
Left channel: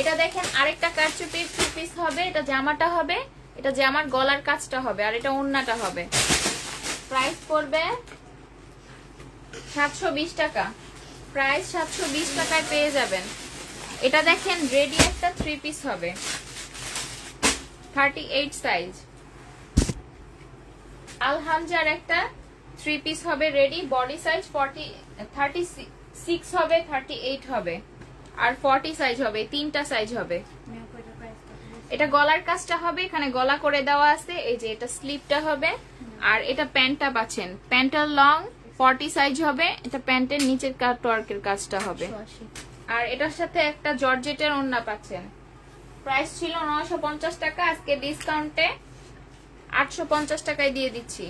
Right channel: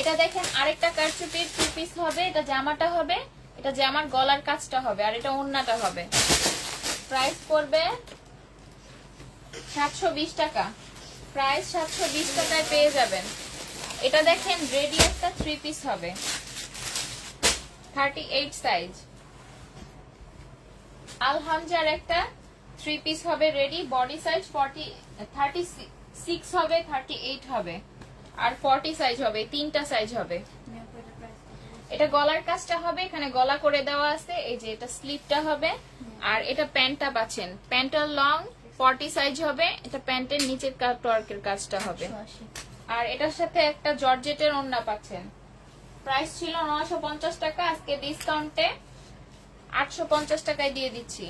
এটা দেখেন আরেকটা কারচুপির 2 পিস হবে, এটা জামাটা হবে, এটা জামার গলার কাজটা হবে, আর এটা ওড়নাটা হবে। প্রাইস পড়বে 720 টাকা। প্রাইস 720 টাকায় পেয়ে যাবেন। এটা দেখেন রেডি একটা 3 পিস হবে, 38 সাইজ। আলহামজার একটা 3 পিস হবে রেডি, বডি সাইজ 36 হবে, 38 হবে আর 40 সাইজ হবে, 3টা সাইজ হবে। এটা গলার কাজটা হবে, এখানে গলা করে দেওয়া আছে। এই যে এটা স্লিপটা হবে, আর এটা প্যান্টটা পাচ্ছেন, প্যান্টের লং 40 সাইজ হবে। এটা প্যান্টের নিচের ওয়ার্কের কাজটা হবে, আর এটার সাথে একটা জর্জেটের ওড়না পাচ্ছেন। প্রাইস ছিল 950 টাকা, আজকে ডিসকাউন্টে 850 টাকায় দিয়ে দিচ্ছি,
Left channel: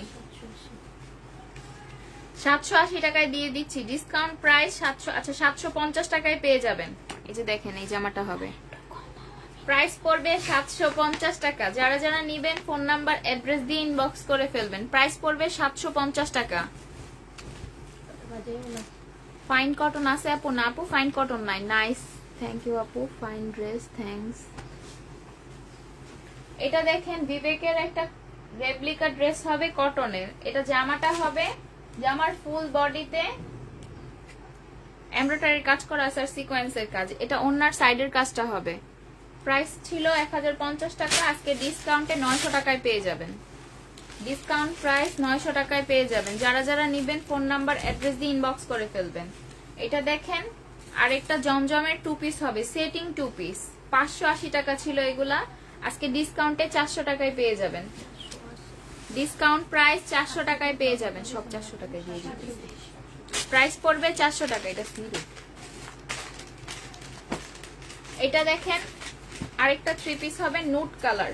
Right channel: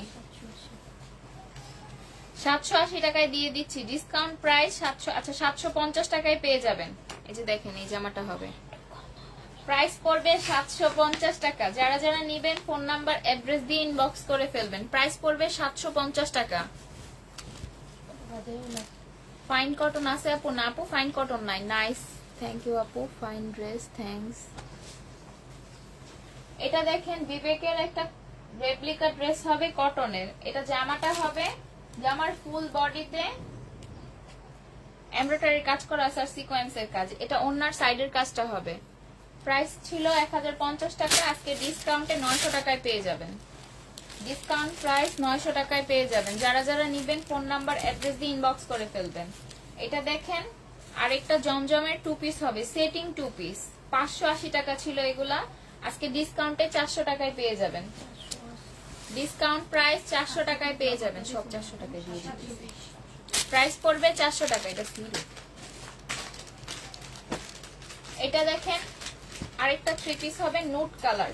780 টাকায় দিয়ে দিচ্ছি। ডিসকাউন্ট প্রাইস 700, আচ্ছা 750 টাকায় পেয়ে যাবেন। এই যে দেখেন এই জামাটা হবে, প্রাইস পড়বে 750 টাকা। যারা যারা নিবেন ফোন নাম্বার অ্যাড্রেস দিয়ে ইনবক্স করে ফেলবেন। প্রাইস পড়বে 750 টাকা। ফাইন কটন আছে আপু? না আপু ফাইন কটন নাই। নাইস, থ্যাংক ইউ আপু, ফাইন ড্রেস, থ্যাঙ্কস। এটা দেখেন বিবেকের একটা রেপ্লিকা ড্রেস হবে কটনের। এটা জামাটা হবে, জামার ফুল বডিতে এমব্রয়ডারির কাজ করা আছে আর সিকোয়েন্সের কাজ। এটা ওড়নার সাইডের কাজটা হবে। প্রাইস ছিল 1050 টাকা, আজকে ডিসকাউন্টে 900 টাকায় পেয়ে যাবেন। ডিসকাউন্ট প্রাইস 900 টাকায় পেয়ে যাবেন। যারা যারা নিবেন ফোন নাম্বার অ্যাড্রেস দিয়ে ইনবক্স করে ফেলবেন। এটা দেখেন আরেকটা জমজমের 2 পিস হবে, সেটিং 2 পিস, 580 টাকা ছিল এগুলা, আজকে ডিসকাউন্টে 400 টাকায় পেয়ে যাবেন। ডিসকাউন্ট প্রাইস 400 টাকায় পেয়ে যাবেন, সব 400 টাকায় দিয়ে দিচ্ছি। প্রাইস পড়বে 400 টাকা। এটা সিল্ক, এটা দেখেন আরেকটা 3 পিস হবে, নুট কালার,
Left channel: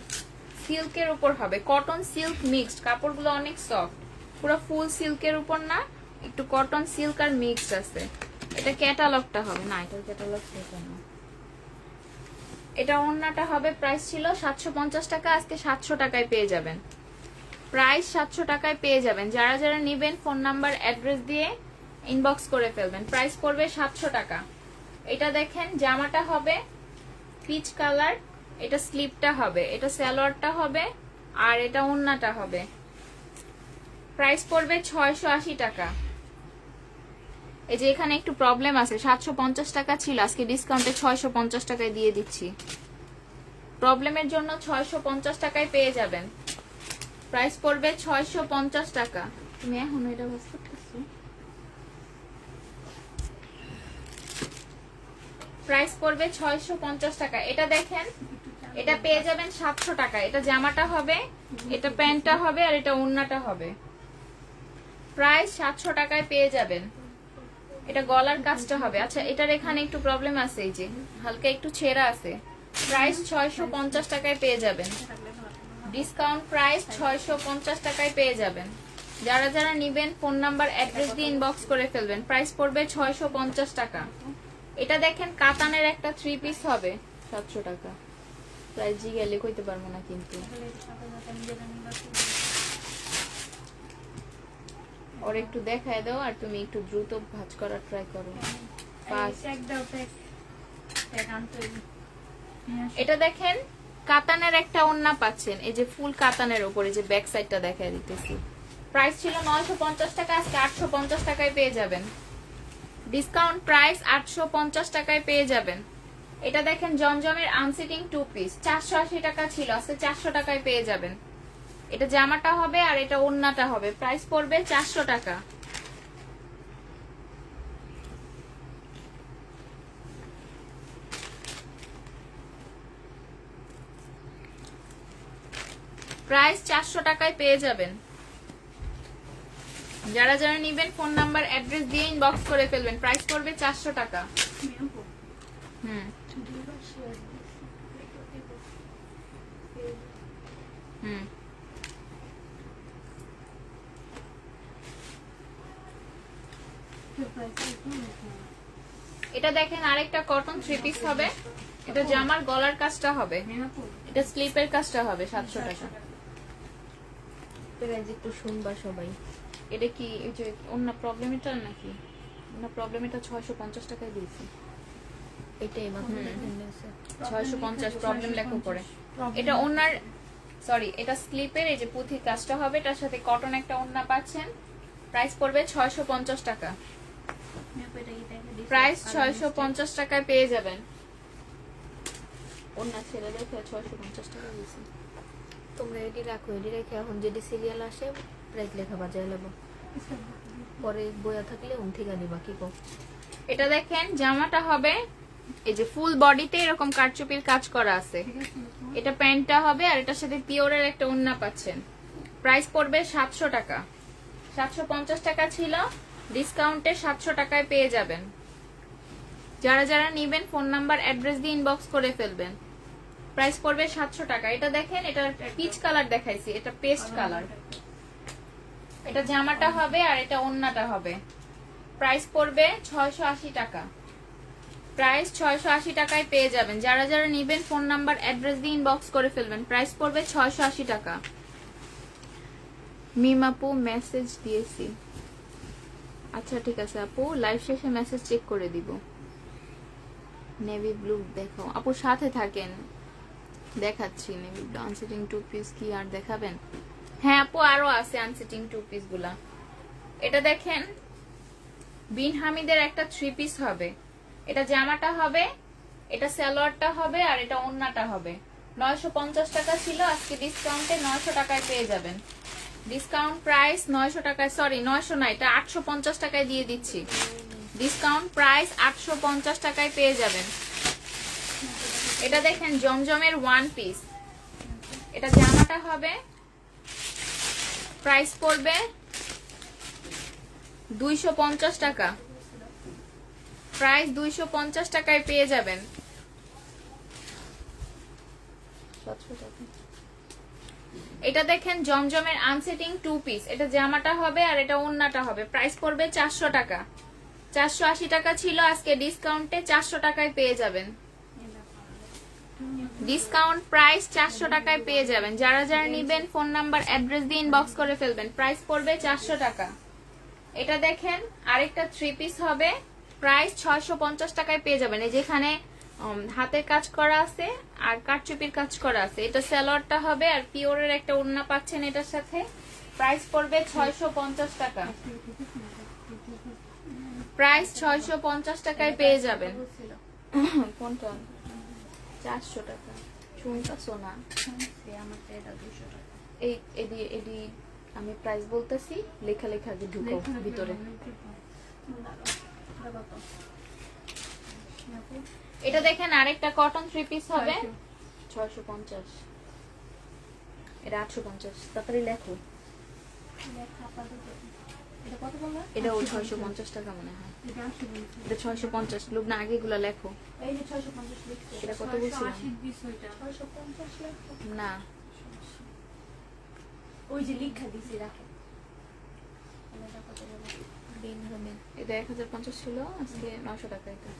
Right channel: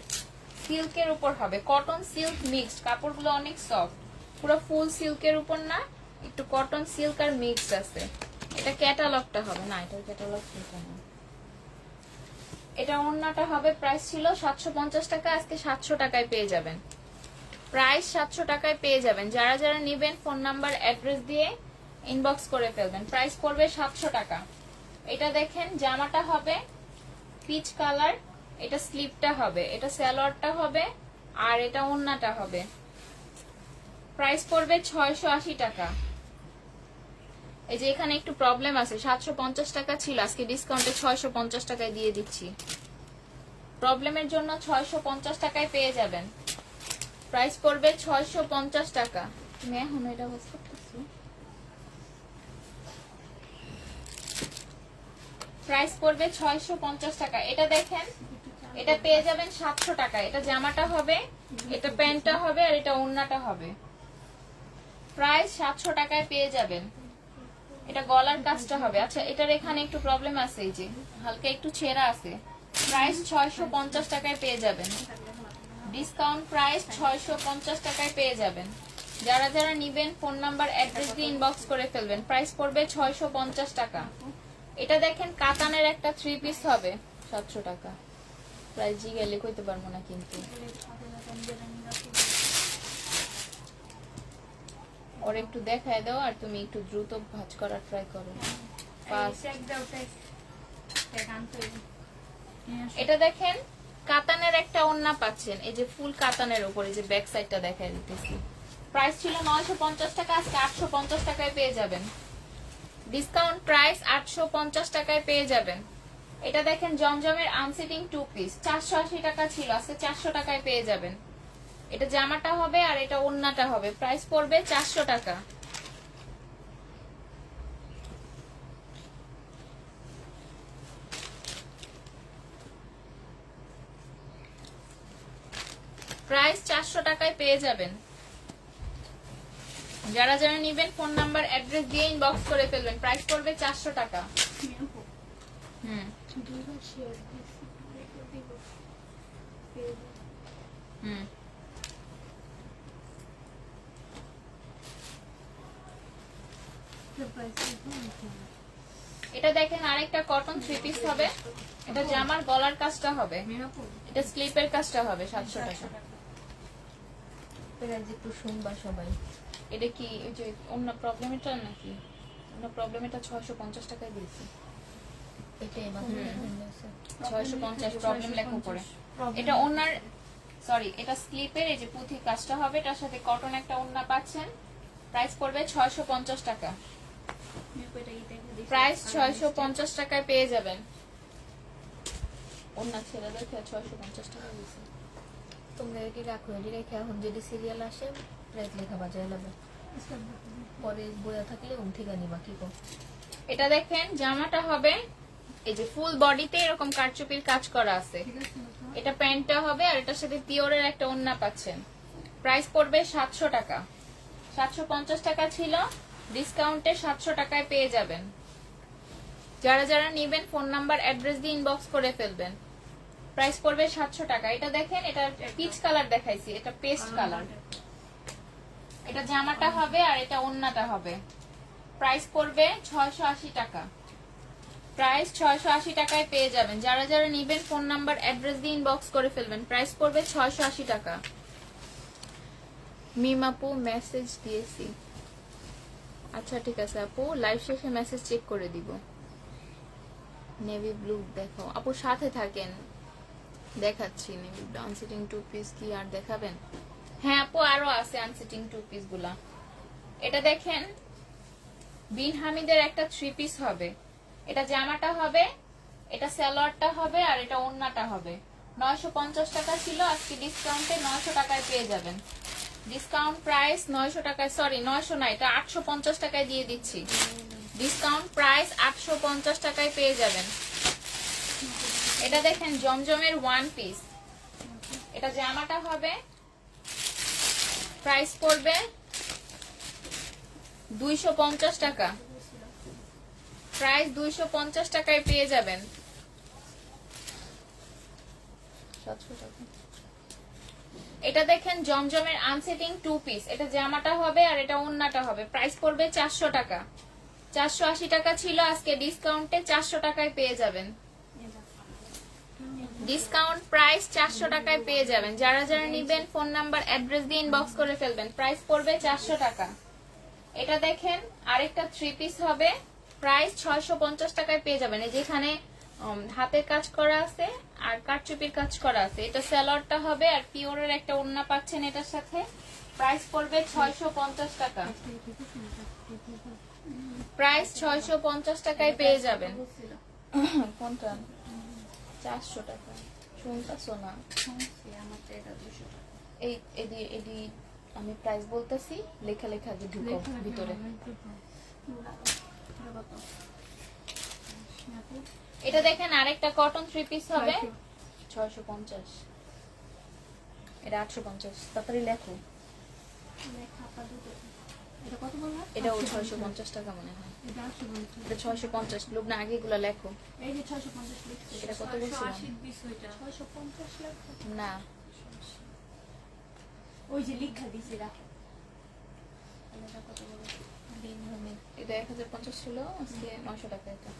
সিল্কের উপর হবে, কটন সিল্ক মিক্সড, কাপড়গুলো অনেক সফট, পুরো ফুল সিল্কের উপর না, একটু কটন সিল্ক আর মিক্সড আছে। এটা ক্যাটালগটা হবে না, এটা ক্যাটালগ না, এটা ওড়নাটা হবে। প্রাইস ছিল 750 টাকা, আজকে 700 টাকায় পেয়ে যাবেন। প্রাইস 700 টাকায় পেয়ে যাবেন। যারা যারা নিবেন ফোন নাম্বার অ্যাড্রেস দিয়ে ইনবক্স করে ফেলবেন। প্রাইস পড়বে 700 টাকা। এটা দেখেন জামাটা হবে পিচ কালার, এটা স্লিপটা হবে, এটা সালোয়ারটা হবে, আর এটা ওড়নাটা হবে। প্রাইস পড়বে 680 টাকা। এই যে এখানে একটু প্রবলেম আছে, 750 টাকা ছিল, আজকে ডিসকাউন্টে 650 টাকায় দিয়ে দিচ্ছি। প্রবলেমের জন্য 650 টাকায় পেয়ে যাবেন। প্রাইস পড়বে 650 টাকা। তুমি এখন এটা বুঝতে পারছো? প্রাইস পড়বে 650 টাকা। এটা দেখেন, এটা পেয়ে যাবেন 700 টাকা। এটা জামাটা হবে, এটা প্যান্টটা হবে, আর এটা ওড়নাটা হবে। প্রাইস 700 টাকায় পেয়ে যাবেন। এটা গলার কাজটা হবে। আচ্ছা, এটার এখানে একটু প্রবলেম আছে, এই যে হালকা একটু ছেঁড়া আছে। প্রাইস 650 টাকায় পেয়ে যাবেন। ডিসকাউন্ট প্রাইস 650 টাকায় পেয়ে যাবেন। যারা যারা নিবেন ফোন নাম্বার অ্যাড্রেস দিয়ে ইনবক্স করে ফেলবেন। প্রাইস পড়বে 650 টাকা। এটা দেখেন কাতানের একটা 3 পিস হবে 700 টাকা। প্রাইস জিগেলে কইতে পারবো না, কিন্তু ওর একটু দেখায় দাও, আর তুমি একটু দ্রুত ভাঁজ করার ট্রাই করো। এটা দেখেন কাতানের একটা ওড়না পাচ্ছেন, এই যে ফুল কাতানের উপরে যে ব্যাক সাইডটা দেখায় দিতেছি। প্রাইস ছিল 950 টাকা, আজকে 850 টাকায় পেয়ে যাবেন। ডিসকাউন্ট প্রাইস 850 টাকায় পেয়ে যাবেন। এটা দেখেন জমজমের আনসিটিং 2 পিস 480 টাকা ছিল, আজকে 400 টাকায় পেয়ে যাবেন। এটা জামাটা হবে আর এটা ওড়নাটা হবে। প্রাইস পড়বে 400 টাকা। প্রাইস 400 টাকায় পেয়ে যাবেন। যারা যারা নিবেন ফোন নাম্বার অ্যাড্রেস দিয়ে ইনবক্স করে ফেলবেন। প্রাইস পড়বে 400 টাকা। এটা দেখেন আরেকটা কটন 3 পিস হবে। এটা জামার গলার কাজটা হবে, এটা স্লিপের কাজটা হবে 700 টাকা। একটু শুনবা সবাই। এটা কি এই যে অন্য প্রবলেম এটা নাকি? অন্য প্রবলেম এটা 650 টাকায় দিয়েছি। এটাই 650 প্রবলেম লেখা পড়ে। এটা ওনার সরি, এটা স্লিপের এই যে পুঁথি কাজটা হবে, এটার সাথে কটন একটা ওড়না পাচ্ছেন। প্রাইস পড়বে 650 টাকা। প্রাইস 650 টাকায় পেয়ে যাবেন। ওড়না ছেড়ে দেখে 650 টাকা দিয়েছি। তোমরা এটি রাখো, এটি রেখে এখন যদি সিরিয়াল আসে প্রাইস লেখা বাজায় নেবো, পরে বইয়া থাকলে ঠিকা দিবা কি কো। এটা দেখেন জামাটা হবে এই যে ফুল বডিতে এরকম কারচুপির কাজ করা আছে। এটা প্যান্টটা হবে আর এটার সাথে পিওরের একটা ওড়না পাচ্ছেন। প্রাইস পড়বে 700 টাকা। 750 টাকা ছিল, ডিসকাউন্টে 700 টাকায় পেয়ে যাবেন। যারা যারা নিবেন ফোন নাম্বার অ্যাড্রেস দিয়ে ইনবক্স করে ফেলবেন। প্রাইস পড়বে 700 টাকা। এটা দেখেন, এটা পিচ কালার দেখাইছি, এটা পেস্ট কালার। এটা জামাটা হবে আর এটা ওড়নাটা হবে। প্রাইস পড়বে 680 টাকা। প্রাইস 680 টাকায় পেয়ে যাবেন। যারা যারা নিবেন ফোন নাম্বার অ্যাড্রেস দিয়ে ইনবক্স করে ফেলবেন। প্রাইস পড়বে 680 টাকা। মিম আপু মেসেজ দিয়েছি। আচ্ছা ঠিক আছে আপু, লাইভ শেষে মেসেজ চেক করে দিব। নেভি ব্লু দেখো আপু, সাথে থাকেন, দেখাচ্ছি। নেভি ব্লু আনসিটিং 2 পিস কি আর দেখাবেন? হ্যাঁ আপু, আরো আছে আনসিটিং 2 পিস গুলা। এটা দেখেন বিন হামিদের একটা 3 পিস হবে। এটা জামাটা হবে, এটা সালোয়ারটা হবে, আর এটা ওড়নাটা হবে। 950 টাকা ছিল, আজকে ডিসকাউন্টে 900 টাকায় পেয়ে যাবেন। ডিসকাউন্ট প্রাইস 900 টাকায়, সরি 900 না, এটা 850 টাকায় দিয়ে দিচ্ছি। ডিসকাউন্ট প্রাইস 850 টাকায় পেয়ে যাবেন। এটা দেখেন জমজমের 1 পিস। এটা জামাটা হবে, প্রাইস পড়বে 250 টাকা। প্রাইস 250 টাকায় পেয়ে যাবেন। 700 টাকা। এটা দেখেন জমজমের আনসেটিং 2 পিস। এটা জামাটা হবে আর এটা ওড়নাটা হবে। প্রাইস পড়বে 400 টাকা। 480 টাকা ছিল, আজকে ডিসকাউন্টে 400 টাকায় পেয়ে যাবেন। ডিসকাউন্ট প্রাইস 400 টাকায় পেয়ে যাবেন। যারা যারা নিবেন ফোন নাম্বার অ্যাড্রেস দিয়ে ইনবক্স করে ফেলবেন। প্রাইস পড়বে 400 টাকা। এটা দেখেন আরেকটা 3 পিস হবে, প্রাইস 650 টাকায় পেয়ে যাবেন। এই যেখানে হাতের কাজ করা আছে আর কারচুপির কাজ করা আছে। এটা সালোয়ারটা হবে আর পিওরের একটা ওড়না পাচ্ছেন এটার সাথে। প্রাইস পড়বে 650 টাকা। প্রাইস 650 টাকায় পেয়ে যাবেন। কোনটা? 400 টাকা। শুনতেছো না? এই এডি আমি প্রাইস বলতেছি, লেখা লেখা ঢুকো ভিতরে। এটা দেখেন আরেকটা কটন 3 পিস হবে 650, এটা 850। তাড়াতাড়ি লেখো। এটা কত বললা? এটাও 650 টাকা মনে হয়। এটা 850। এটা 650। লুবনা আগে এগুলো লেখো। এই যে 650 লিখছি। এটা কত বলছিলাম? 650 লেখো না, ওই যে লিখা দিছি রাখো। এটা কত বলো? দিন হবে। এটা 1050 ছিল, আজকে 900 টাকা। এটা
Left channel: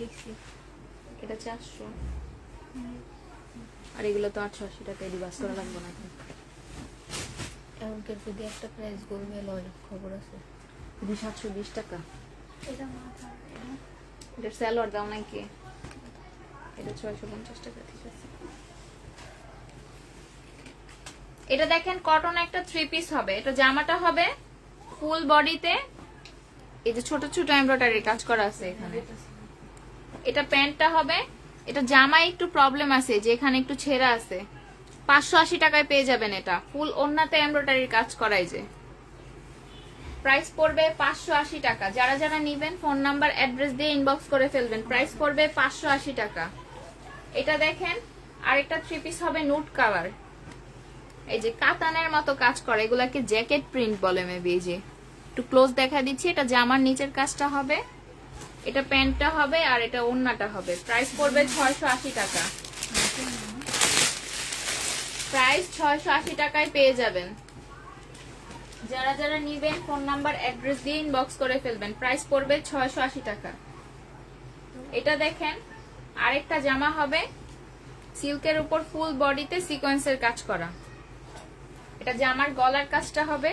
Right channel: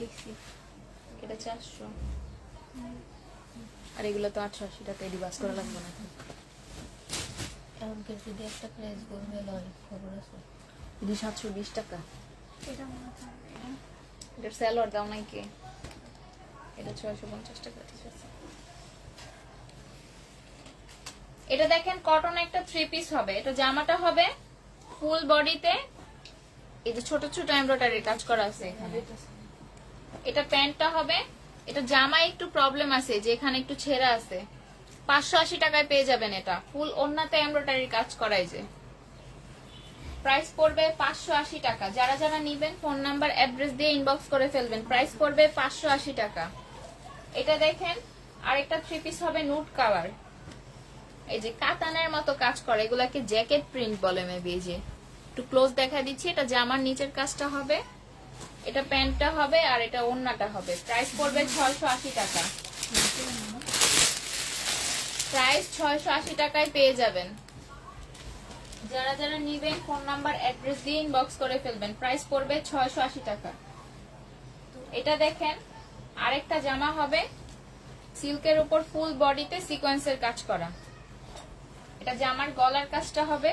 লিখছি। এটা 400। আর এগুলো তো 880 টাকা। এডিবাস করা লাগবে না। এমনকি যদি একটা প্রাইস বলবে লয় খবর আছে। এটা 720 টাকা। এটা মাথা এটা এটা সেলর দাও নাকি? এটা 650 টাকা। ঠিক আছে। এটা দেখেন কটন একটা 3 পিস হবে। এটা জামাটা হবে ফুল বডিতে, এই যে ছোট ছোট এমব্রয়ডারি কাজ করা আছে এখানে। এটা প্যান্টটা হবে, এটা জামায় একটু প্রবলেম আছে যে এখানে একটু ছেঁড়া আছে। 580 টাকায় পেয়ে যাবেন। এটা ফুল ওন্নাতে এমব্রয়ডারি কাজ করাই যে। প্রাইস পড়বে 580 টাকা। যারা যারা নিবেন ফোন নাম্বার অ্যাড্রেস দিয়ে ইনবক্স করে ফেলবেন। প্রাইস পড়বে 580 টাকা। এটা দেখেন আরেকটা 3 পিস হবে নুট কালার, এই যে কাতানের মতো কাজ করে, এগুলাকে জ্যাকেট প্রিন্ট বলে মেবি। এই যে একটু ক্লোজ দেখা দিচ্ছি। এটা জামার নিচের কাজটা হবে, এটা প্যান্টটা হবে, আর এটা ওড়নাটা হবে। প্রাইস পড়বে 680 টাকা। প্রাইস 680 টাকায় পেয়ে যাবেন। যারা যারা নিবেন ফোন নাম্বার অ্যাড্রেস দিয়ে ইনবক্স করে ফেলবেন। প্রাইস পড়বে 680 টাকা। এটা দেখেন আরেকটা জামা হবে সিল্কের উপর ফুল বডিতে সিকোয়েন্সের কাজ করা। এটা জামার গলার কাজটা হবে,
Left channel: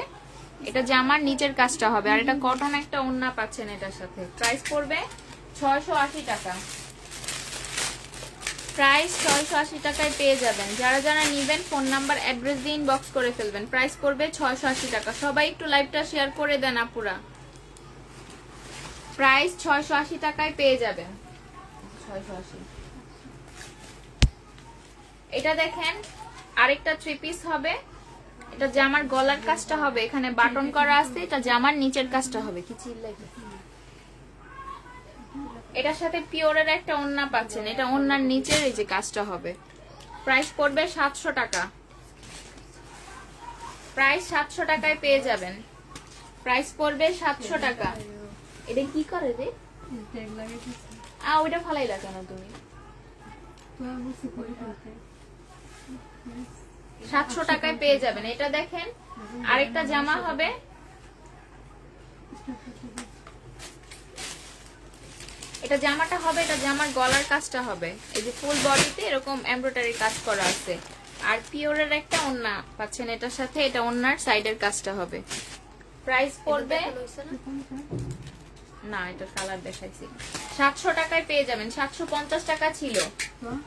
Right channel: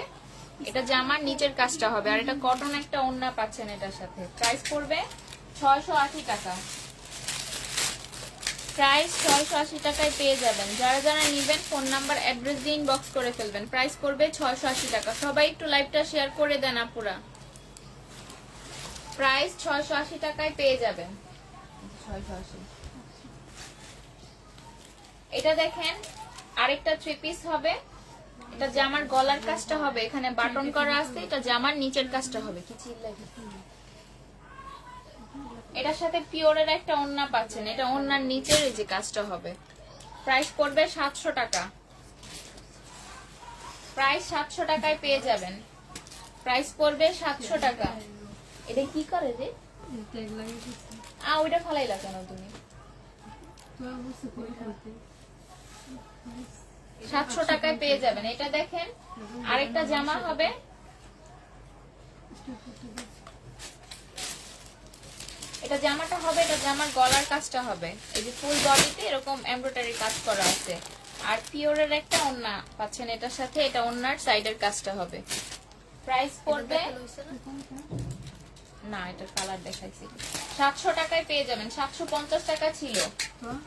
এটা জামার নিচের কাজটা হবে, আর এটা কটন একটা ওড়না পাচ্ছেন এটার সাথে। প্রাইস পড়বে 680 টাকা। প্রাইস 680 টাকায় পেয়ে যাবেন। যারা যারা নিবেন ফোন নাম্বার অ্যাড্রেস দিয়ে ইনবক্স করে ফেলবেন। প্রাইস পড়বে 680 টাকা। সবাই একটু লাইভটা শেয়ার করে দেন আপুরা। প্রাইস 680 টাকায় পেয়ে যাবেন। 680। এটা দেখেন আরেকটা 3 পিস হবে, এটা জামার গলার কাজটা হবে, এখানে বাটন করা আছে, এটা জামার নিচের কাজটা হবে। কি চিল্লাই? এটার সাথে পিওরের একটা ওড়না পাচ্ছেন, এটা ওড়নার নিচের এই যে কাজটা হবে। প্রাইস পড়বে 700 টাকা। প্রাইস 700 টাকায় পেয়ে যাবেন। প্রাইস পড়বে 700 টাকা। এটা কি করে রে? ওইটা ফালাই লাগা না তুমি। 700 টাকায় পেয়ে যাবেন। এটা দেখেন আরেকটা জামা হবে, এটা জামাটা হবে, এটা জামার গলার কাজটা হবে, এই যে ফুল বডিতে এরকম এমব্রয়ডারি কাজ করা আছে, আর পিওরের একটা ওড়না পাচ্ছেন এটার সাথে, এটা ওড়নার সাইডের কাজটা হবে। প্রাইস পড়বে না, এটা কালার দেখাইছি। 700 টাকায় পেয়ে যাবেন। 750 টাকা ছিল,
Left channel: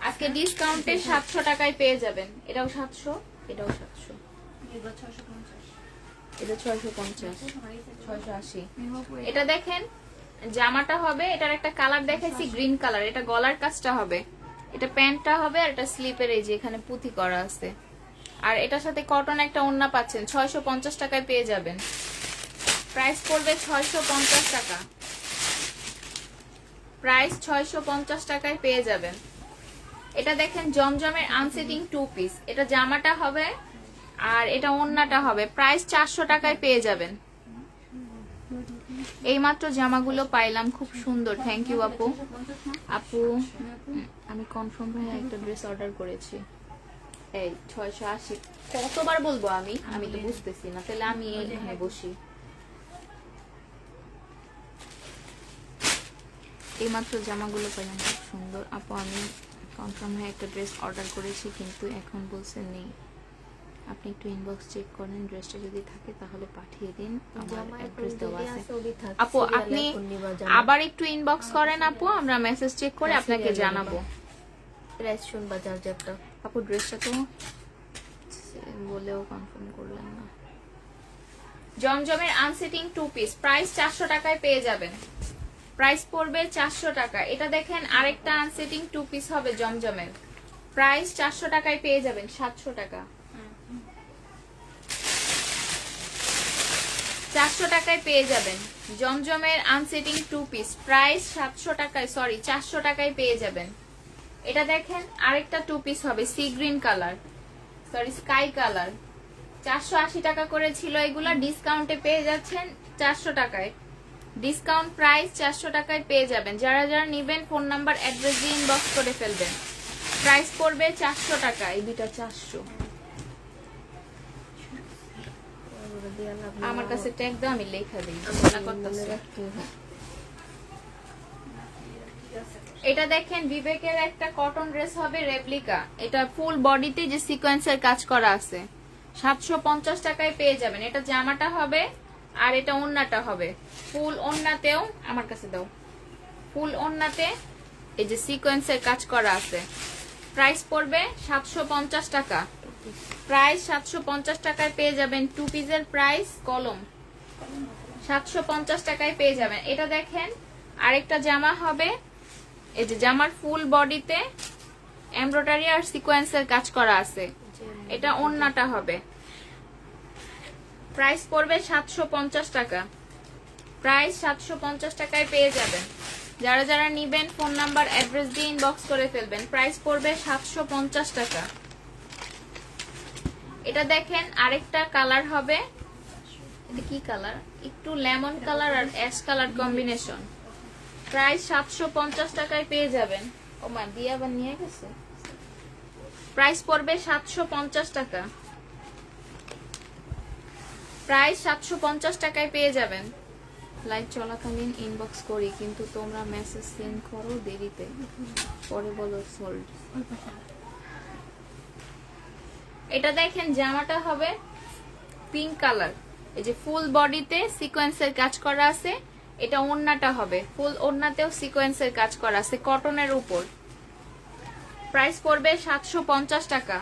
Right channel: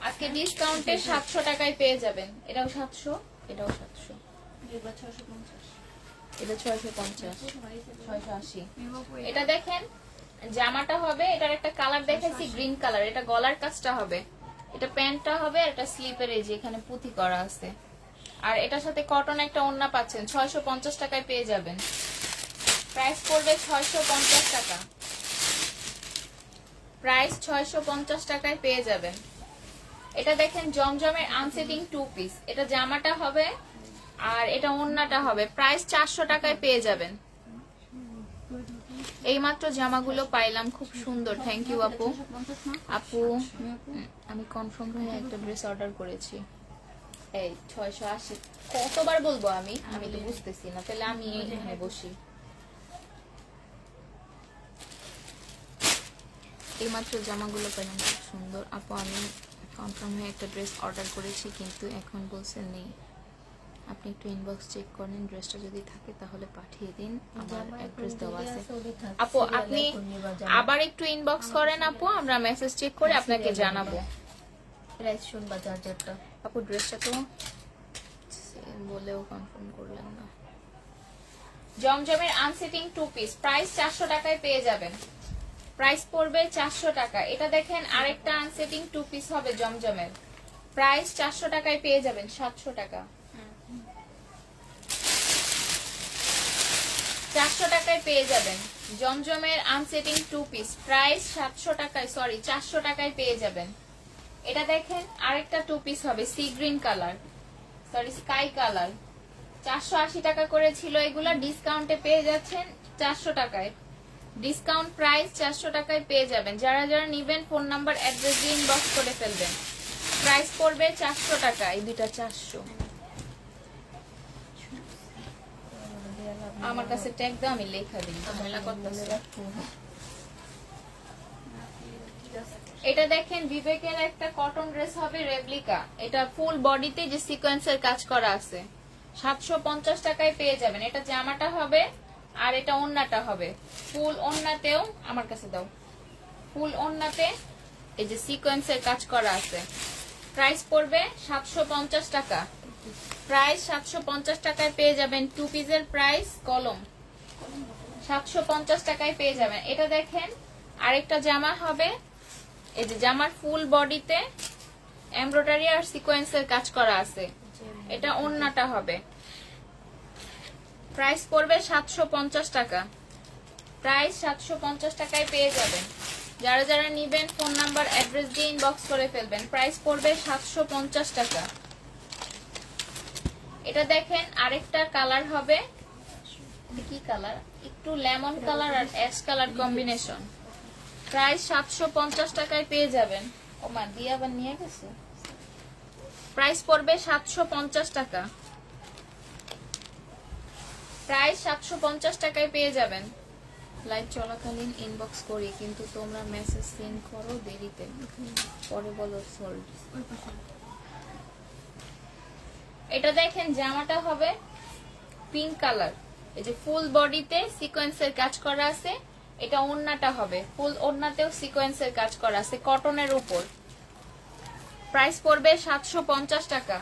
আজকে ডিসকাউন্টে 700 টাকায় পেয়ে যাবেন। এটাও 700, এটাও 700, এটা 650, 680। এটা দেখেন জামাটা হবে, এটার একটা কালার দেখাইছি গ্রিন কালার, এটা গলার কাজটা হবে, এটা প্যান্টটা হবে, আর এটা স্লিপের এই যে এখানে পুঁতি করা আছে, আর এটার সাথে কটন একটা ওড়না পাচ্ছেন। 650 টাকায় পেয়ে যাবেন। প্রাইস পড়বে 650 টাকা। প্রাইস 650 টাকায় পেয়ে যাবেন। এটা দেখেন জমজমের আনসেটিং 2 পিস, এটা জামাটা হবে আর এটা ওড়নাটা হবে। প্রাইস 400 টাকায় পেয়ে যাবেন। এইমাত্র জামাগুলো পাইলাম, খুব সুন্দর। থ্যাংক ইউ আপু। আপু আমি কনফার্ম ভাই একটা ড্রেস অর্ডার করেছি। এই 680 কতবার বলবো আমি তো বুঝতেছি না, তাহলে আমি এখানে বসি। এইমাত্র জামাগুলো পাইলাম, খুব সুন্দর। আপু আমি কনফার্ম হয়ে একটা ড্রেস অর্ডার করেছি, কিন্তু এখন বলছেন নেই। আপনি একটু ইনবক্স চেক করেন, ড্রেসটা যদি থাকে তাহলে পাঠিয়ে দিন, আমার অ্যাড্রেস দেওয়া আছে। আপু আপনি আবার একটু ইনবক্স করেন আপু, আমরা মেসেজ চেক করে আপনাকে জানাবো। প্রাইস শুনবা চার্জারটা। আপু ড্রেসটা তো বলেও কনফার্ম করলেন না। জমজমের আনসেটিং 2 পিস, প্রাইস 400 টাকায় পেয়ে যাবেন। প্রাইস পড়বে 400 টাকা। এটা দেখেন আরেকটা আনসেটিং 2 পিস হবে জমজমের, প্রাইস 400 টাকায় পেয়ে যাবেন। 700 টাকা, 400 400 টাকায় পেয়ে যাবেন জমজমের আনসেটিং 2 পিস, প্রাইস 700 টাকায়, সরি 400 টাকায় পেয়ে যাবেন। এটা দেখেন আরেকটা 2 পিস হবে sea green colour, sorry sky colour, 480 টাকা করে ছিল এগুলা, ডিসকাউন্টে পেয়ে যাচ্ছেন 400 টাকায়। ডিসকাউন্ট প্রাইস 400 টাকায় পেয়ে যাবেন। যারা যারা নিবেন ফোন নাম্বার অ্যাড্রেস দিয়ে ইনবক্স করে ফেলবেন। প্রাইস পড়বে 400 টাকা, এই দুইটা 400। আমার কাছে ট্যাগ দাও, আমি লেখা দিই। এটা দেখেন বিবেকের একটা কটন ড্রেস হবে রেপ্লিকা, এটা ফুল বডিতে যে সিকোয়েন্সের কাজ করা আছে, 750 টাকায় পেয়ে যাবেন। এটা জামাটা হবে আর এটা ওড়নাটা হবে। ফুল ওড়নাতেও আমার কাছে দাও, ফুল ওড়নাতে এই যে সিকোয়েন্সের কাজ করা আছে। প্রাইস পড়বে 750 টাকা, প্রাইস 750 টাকায় পেয়ে যাবেন। 2 পিসের প্রাইস কলম 750 টাকায় পেয়ে যাবেন। এটা দেখেন আরেকটা জামা হবে, এই যে জামার ফুল বডিতে এমব্রয়ডারি আর সিকোয়েন্সের কাজ করা আছে, এটা ওড়নাটা হবে। প্রাইস পড়বে 750 টাকা, প্রাইস 750 টাকায় পেয়ে যাবেন। যারা যারা নিবেন ফোন নাম্বার অ্যাড্রেস দিয়ে ইনবক্স করে ফেলবেন। প্রাইস পড়বে 750 টাকা। এটা দেখেন আরেকটা কালার হবে, এটা কি কালার, একটু লেমন কালার আর অ্যাশ কালার কম্বিনেশন। প্রাইস 750 টাকায় পেয়ে যাবেন। ও মা দিয়ে আবার নিয়ে গেছে। প্রাইস পড়বে 750 টাকা, প্রাইস 750 টাকায় পেয়ে যাবেন। লাইভ চলাকালীন ইনবক্স করি কিন্তু তোমরা মেসেজ সেন্ড করো দেরিতে, পরে বলো সোল্ড। এটা দেখেন জামাটা হবে পিঙ্ক কালার, এই যে ফুল বডিতে সিকোয়েন্সের কাজ করা আছে, এটা ওড়নাটা হবে, ফুল ওড়নাতেও সিকোয়েন্সের কাজ করা আছে কটনের উপর। প্রাইস পড়বে 750 টাকা,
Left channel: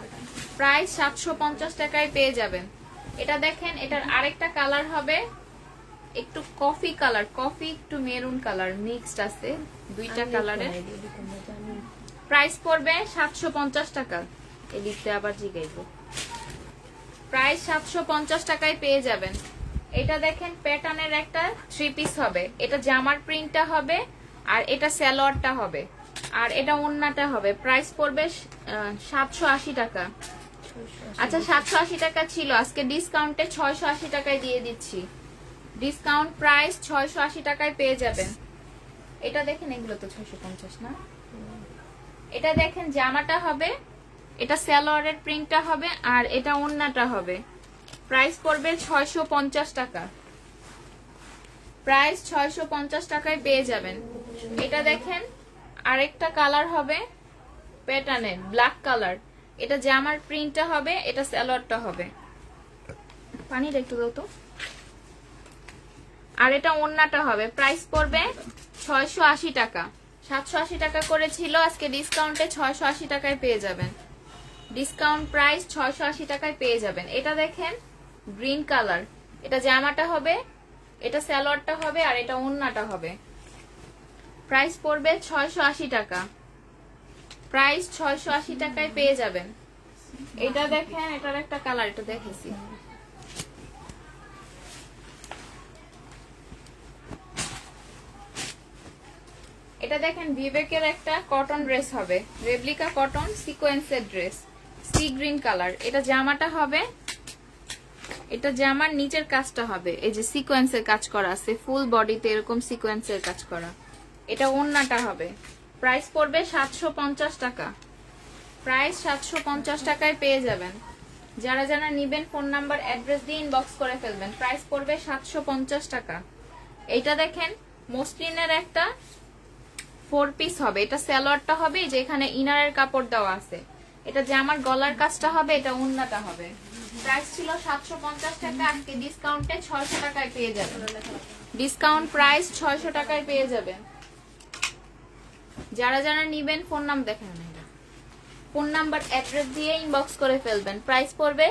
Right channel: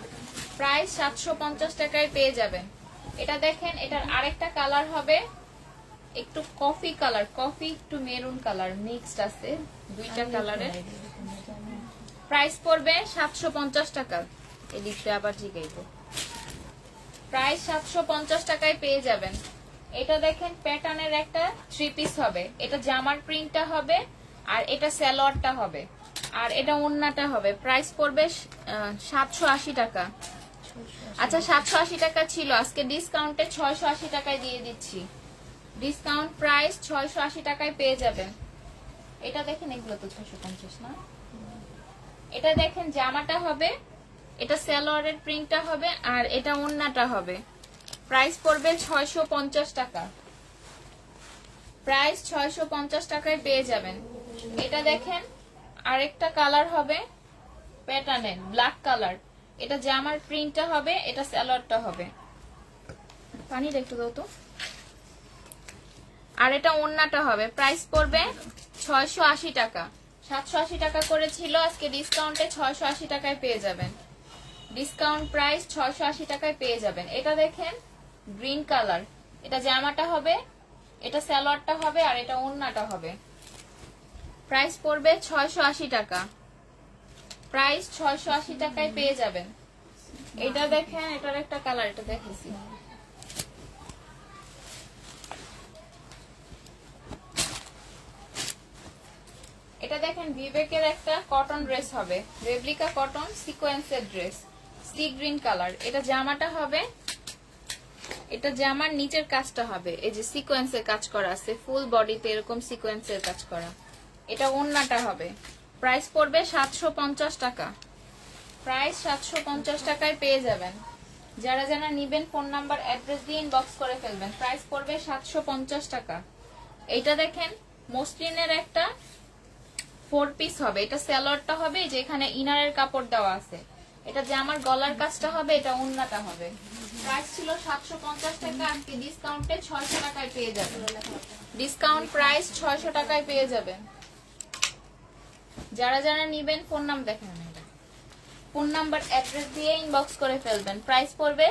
প্রাইস 750 টাকায় পেয়ে যাবেন। এটা দেখেন এটার আরেকটা কালার হবে একটু কফি কালার, কফি একটু মেরুন কালার মিক্সড আছে, দুইটা কালারের। প্রাইস পড়বে 750 টাকা। এদিকে আবার জিগাইব, প্রাইস 750 টাকায় পেয়ে যাবেন। এটা দেখেন প্যাটার্নের একটা 3 পিস হবে, এটা জামার প্রিন্টটা হবে আর এটা সালোয়ারটা হবে আর এটা ওড়নাটা হবে। প্রাইস পড়বে 780 টাকা। আচ্ছা 780 টাকা ছিল, আজকে ডিসকাউন্টে 680 টাকায় দিয়ে দিচ্ছি। ডিসকাউন্ট প্রাইস 680 টাকায় পেয়ে যাবেন। এটা দেখেন এগুলো তো 650 না। এটা দেখেন জামাটা হবে, এটা সালোয়ারের প্রিন্টটা হবে আর এটা ওড়নাটা হবে। প্রাইস পড়বে 650 টাকা, প্রাইস 650 টাকায় পেয়ে যাবেন। এটা দেখেন আরেকটা কালার হবে প্যাটার্নের ব্ল্যাক কালার, এটা জামার প্রিন্টটা হবে, এটা সালোয়ারটা হবে। পানি একটু দাও তো। আর এটা ওড়নাটা হবে। প্রাইস পড়বে 680 টাকা, 780 টাকা করে ছিল, আজকে ডিসকাউন্টে 680 টাকায় পেয়ে যাবেন। ডিসকাউন্ট প্রাইস 680 টাকায় পেয়ে যাবেন। এটা দেখেন গ্রিন কালার, এটা জামাটা হবে, এটা সালোয়ারটা হবে আর এটা ওড়নাটা হবে। প্রাইস পড়বে 680 টাকা, প্রাইস 680 টাকায় পেয়ে যাবেন। এটা দেখেন এটার একটা কালার, এটা দেখেছি। এটা দেখেন বিবেকের একটা কটন ড্রেস হবে, রেপ্লিকা কটন সিকোয়েন্সের ড্রেস, সি গ্রিন কালার। এটা জামাটা হবে, এটা জামার নিচের কাজটা হবে এই যে সিকোয়েন্সের কাজ করা আছে, ফুল বডিতে এরকম সিকোয়েন্সের কাজ করা। এটা ওড়নাটা হবে। প্রাইস পড়বে 750 টাকা, প্রাইস 750 টাকায় পেয়ে যাবেন। যারা যারা নিবেন ফোন নাম্বার অ্যাড্রেস দিয়ে ইনবক্স করে ফেলবেন। প্রাইস পড়বে 750 টাকা। এইটা দেখেন মসলিনের একটা 4 পিস হবে, এটা সালোয়ারটা হবে, যে এখানে ইনারের কাপড় দেওয়া আছে, এটা জামার গলার কাজটা হবে, এটা ওড়নাটা হবে। প্রাইস ছিল 750 টাকা, আজকে ডিসকাউন্টে 600 টাকায় পেয়ে যাবেন। ডিসকাউন্ট প্রাইস 600 টাকায় পেয়ে যাবেন। যারা যারা নিবেন ফোন নাম্বার দেখেন, ফোন নাম্বার অ্যাড্রেস দিয়ে ইনবক্স করে ফেলবেন। প্রাইস পড়বে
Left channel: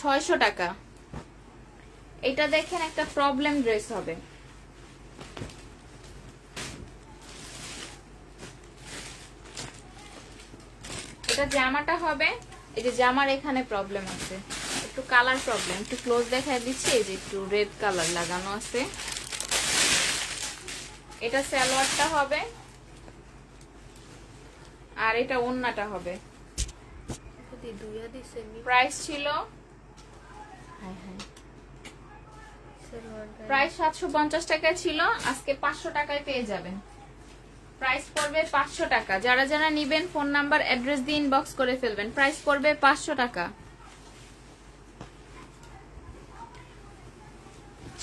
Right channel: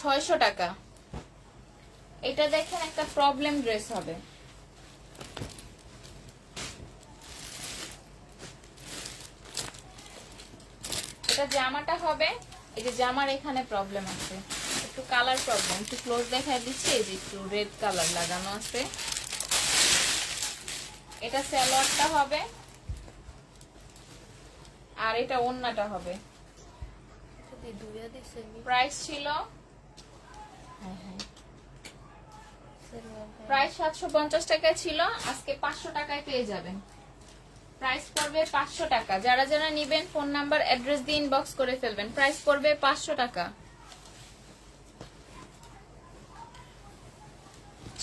600 টাকা। এটা দেখেন একটা প্রবলেম ড্রেস হবে, এটা জামাটা হবে, এই যে জামার এখানে প্রবলেম আছে, একটু কালার প্রবলেম, একটু ক্লোজ দেখায় দিচ্ছি। এই যে একটু রেড কালার লাগানো আছে। এটা সালোয়ারটা হবে আর এটা ওন্নাটা হবে। প্রাইস ছিল প্রাইস 750 টাকা ছিল, আজকে 500 টাকায় পেয়ে যাবেন। প্রাইস পড়বে 500 টাকা। যারা যারা নিবেন ফোন নাম্বার অ্যাড্রেস দিয়ে ইনবক্স করে ফেলবেন। প্রাইস পড়বে 500 টাকা।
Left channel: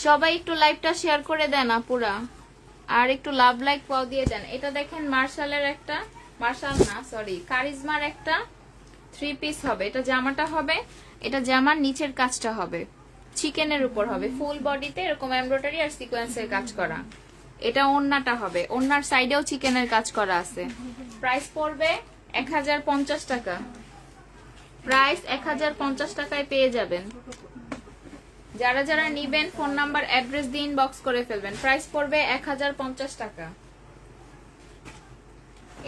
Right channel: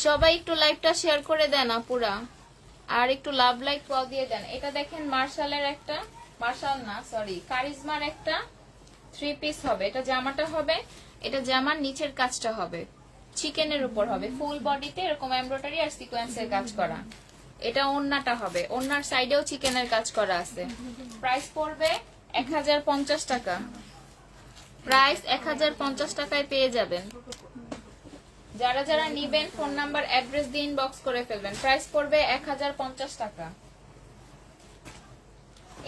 সবাই একটু লাইভটা শেয়ার করে দেন আপুরা, আর একটু লাভ লাইক দিয়ে দেন। এটা দেখেন মার্শালের একটা, মার্শাল না সরি কারিজমার একটা 3 পিস হবে। এটা জামাটা হবে, এটা জামার নিচের কাজটা হবে চিকেনের উপর হবে, ফুল বডিতে এরকম এমব্রয়ডারি আর সিকোয়েন্সের কাজ করা। এটা ওন্নাটা হবে, ওন্নার সাইডেও চিকেনের কাজ করা আছে। প্রাইস পড়বে 1050 টাকা। প্রাইস 1050 টাকায় পেয়ে যাবেন। যারা যারা নিবেন ফোন নাম্বার অ্যাড্রেস দিয়ে ইনবক্স করে ফেলবেন। প্রাইস পড়বে 1050 টাকা।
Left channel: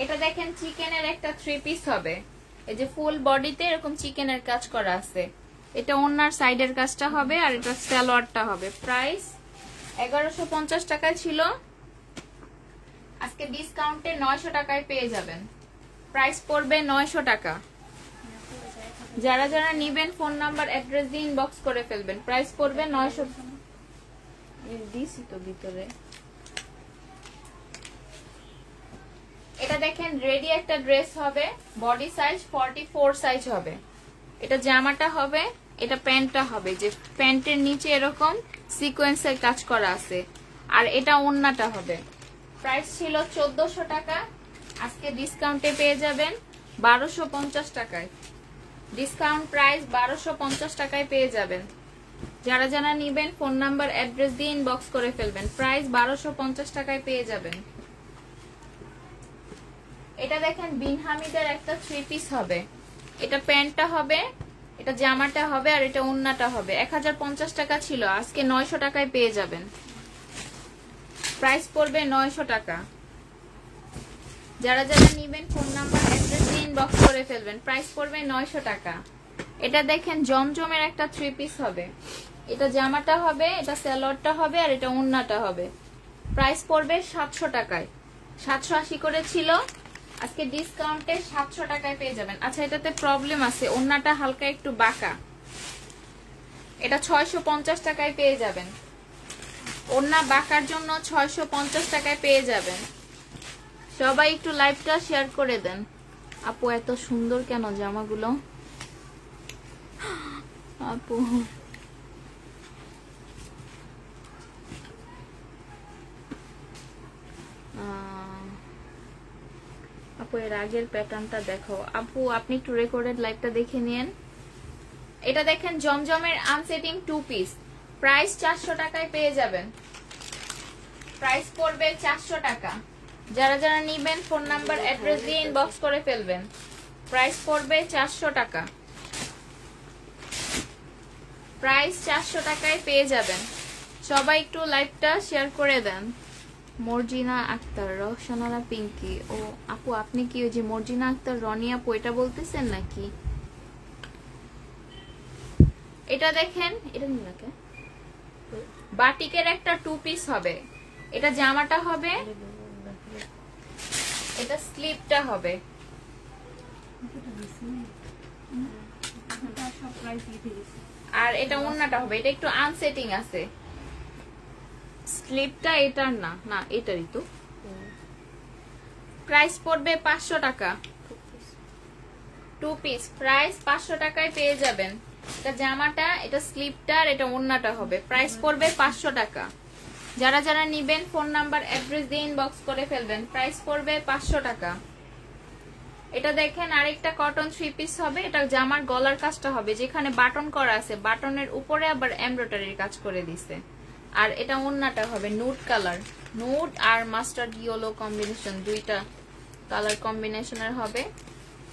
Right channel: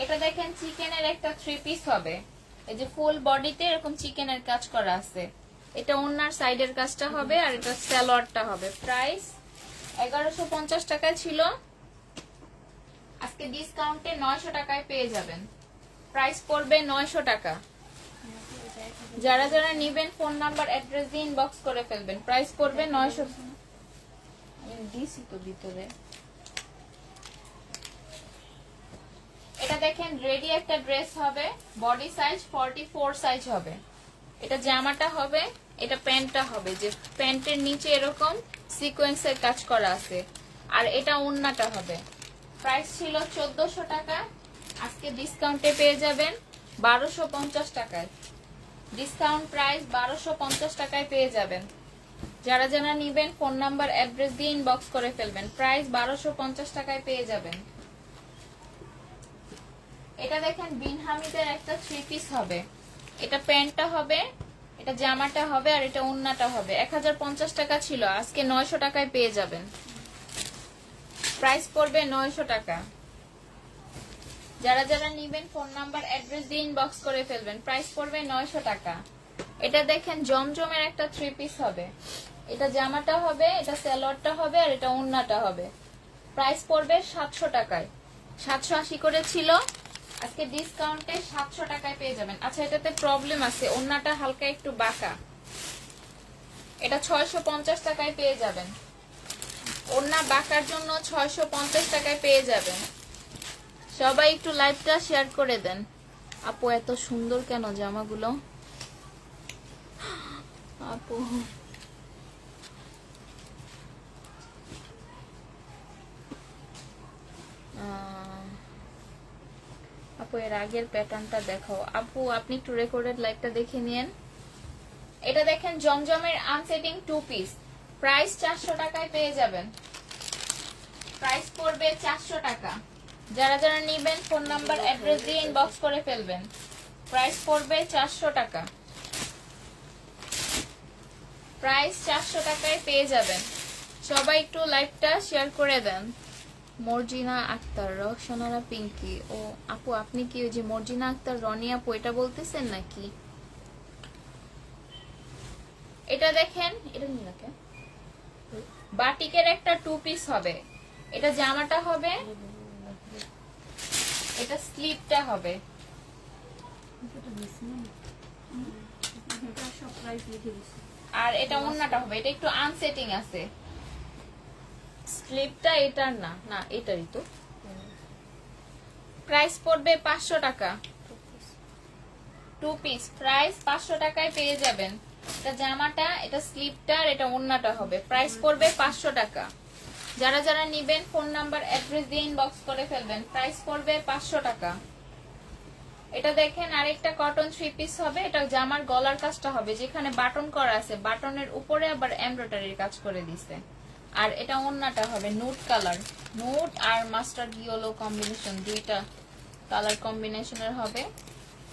এটা দেখেন চিকেনের একটা 3 পিস হবে, এই যে ফুল বডিতে এরকম চিকেনের কাজ করা আছে। এটা ওন্নার সাইডের কাজটা হবে আর এটা সালোয়ারটা হবে। প্রাইস 1150 টাকা ছিল, আজকে ডিসকাউন্টে 900 টাকায় পেয়ে যাবেন। প্রাইস পড়বে 900 টাকা। যারা যারা নিবেন ফোন নাম্বার অ্যাড্রেস দিয়ে ইনবক্স করে ফেলবেন। প্রাইস পড়বে 900 দিছি তো ভিতরে। এটা দেখেন রেডি একটা ড্রেস হবে, বডি সাইজ 44 সাইজ হবে। এটা জামাটা হবে, এটা প্যান্টটা হবে, যে প্যান্টের নিচে এরকম সিকোয়েন্সের কাজ করা আছে, আর এটা ওন্নাটা হবে। প্রাইস ছিল 1400 টাকা, আজকে ডিসকাউন্টে পেয়ে যাবেন 1250 টাকায়। ডিসকাউন্ট প্রাইস 1250 টাকায় পেয়ে যাবেন। যারা যারা নিবেন ফোন নাম্বার অ্যাড্রেস দিয়ে ইনবক্স করে ফেলবেন। প্রাইস 1250 টাকায় পেয়ে যাবেন। এটা দেখেন বিন হামিদের একটা 3 পিস হবে, এটা প্যান্টটা হবে, এটা জামাটা হবে আর এটা ওন্নাটা হবে। 1050 টাকা ছিল, আজকে 900 টাকায় পেয়ে যাবেন। প্রাইস পড়বে 900 টাকা। যারা যারা নিবেন ফোন নাম্বার অ্যাড্রেস দিয়ে ইনবক্স করে ফেলবেন। প্রাইস পড়বে 900 টাকা। এটা দেখেন জমজমের একটা 3 পিস হবে, এটা জামাটা হবে, এটা সালোয়ারটা হবে আর এটা ওন্নাটা হবে। প্রাইস পড়বে 700 টাকায়। 780 করে ছিল, আজকে ডিসকাউন্টে 700 টাকায় পেয়ে যাবেন। আচ্ছা এটাতে প্রবলেম আছে, ওন্নাটা হালকা একটু বাঁকা, এটা 650 টাকায় পেয়ে যাবেন। ওন্না বাঁকার জন্য 650 টাকায় পেয়ে যাবেন। সবাই একটু লাইভটা শেয়ার করে দেন। আপু এত সুন্দর কেন জামাগুলো? আপু আপু এর আগের প্যাটার্নটা দেখাও। আপু আপনি একটু রেকর্ডেড লাইভটা দেখে নিন। এটা দেখেন জমজমের আনসেটিং 2 পিস, প্রাইস 400 টাকায় পেয়ে যাবেন। প্রাইস পড়বে 400 টাকা। যারা যারা নিবেন ফোন নাম্বার অ্যাড্রেস দিয়ে ইনবক্স করে ফেলবেন। প্রাইস পড়বে 400 টাকা। প্রাইস 400 টাকায় পেয়ে যাবেন। সবাই একটু লাইভটা শেয়ার করে দেন। মর্জিনা আক্তার, রওশনারা পিঙ্কি। ও আপু আপনি কি ওই যে মর্জিনা আক্তার রনি আপু এটা বলতেছেন নাকি? এটা দেখেন, এটা নিয়ে বাটিকের একটা 2 পিস হবে, এটা জামাটা হবে, এটা স্লিপটা হবে, আর এটা ওন্নাটা হবে। এটা একটু আনসেটিং আছে, স্লিপটা এটার না, না এটারই তো। প্রাইস পড়বে 500 টাকা। 2 পিস প্রাইস 500 টাকায় পেয়ে যাবেন। এটা জামাটা, এটা স্লিপটা আর এটা ওন্নাটা হবে। প্রাইস পড়বে 500 টাকা। যারা যারা নিবেন ফোন নাম্বার অ্যাড্রেস দিয়ে ইনবক্স করে ফেলবেন। প্রাইস পড়বে 500 টাকা। এটা দেখেন আরেকটা কটন 3 পিস হবে, এটা জামার গলার কাজটা হবে, যেখানে বাটন করা আছে বাটনের উপরে আবার এমব্রয়ডারির কাজ করে দিছে। আর এটা ওন্নাটা হবে নুড কালার, নুড আর মাস্টার্ড ইয়েলো কম্বিনেশন, দুইটা কালার কম্বিনেশনের হবে।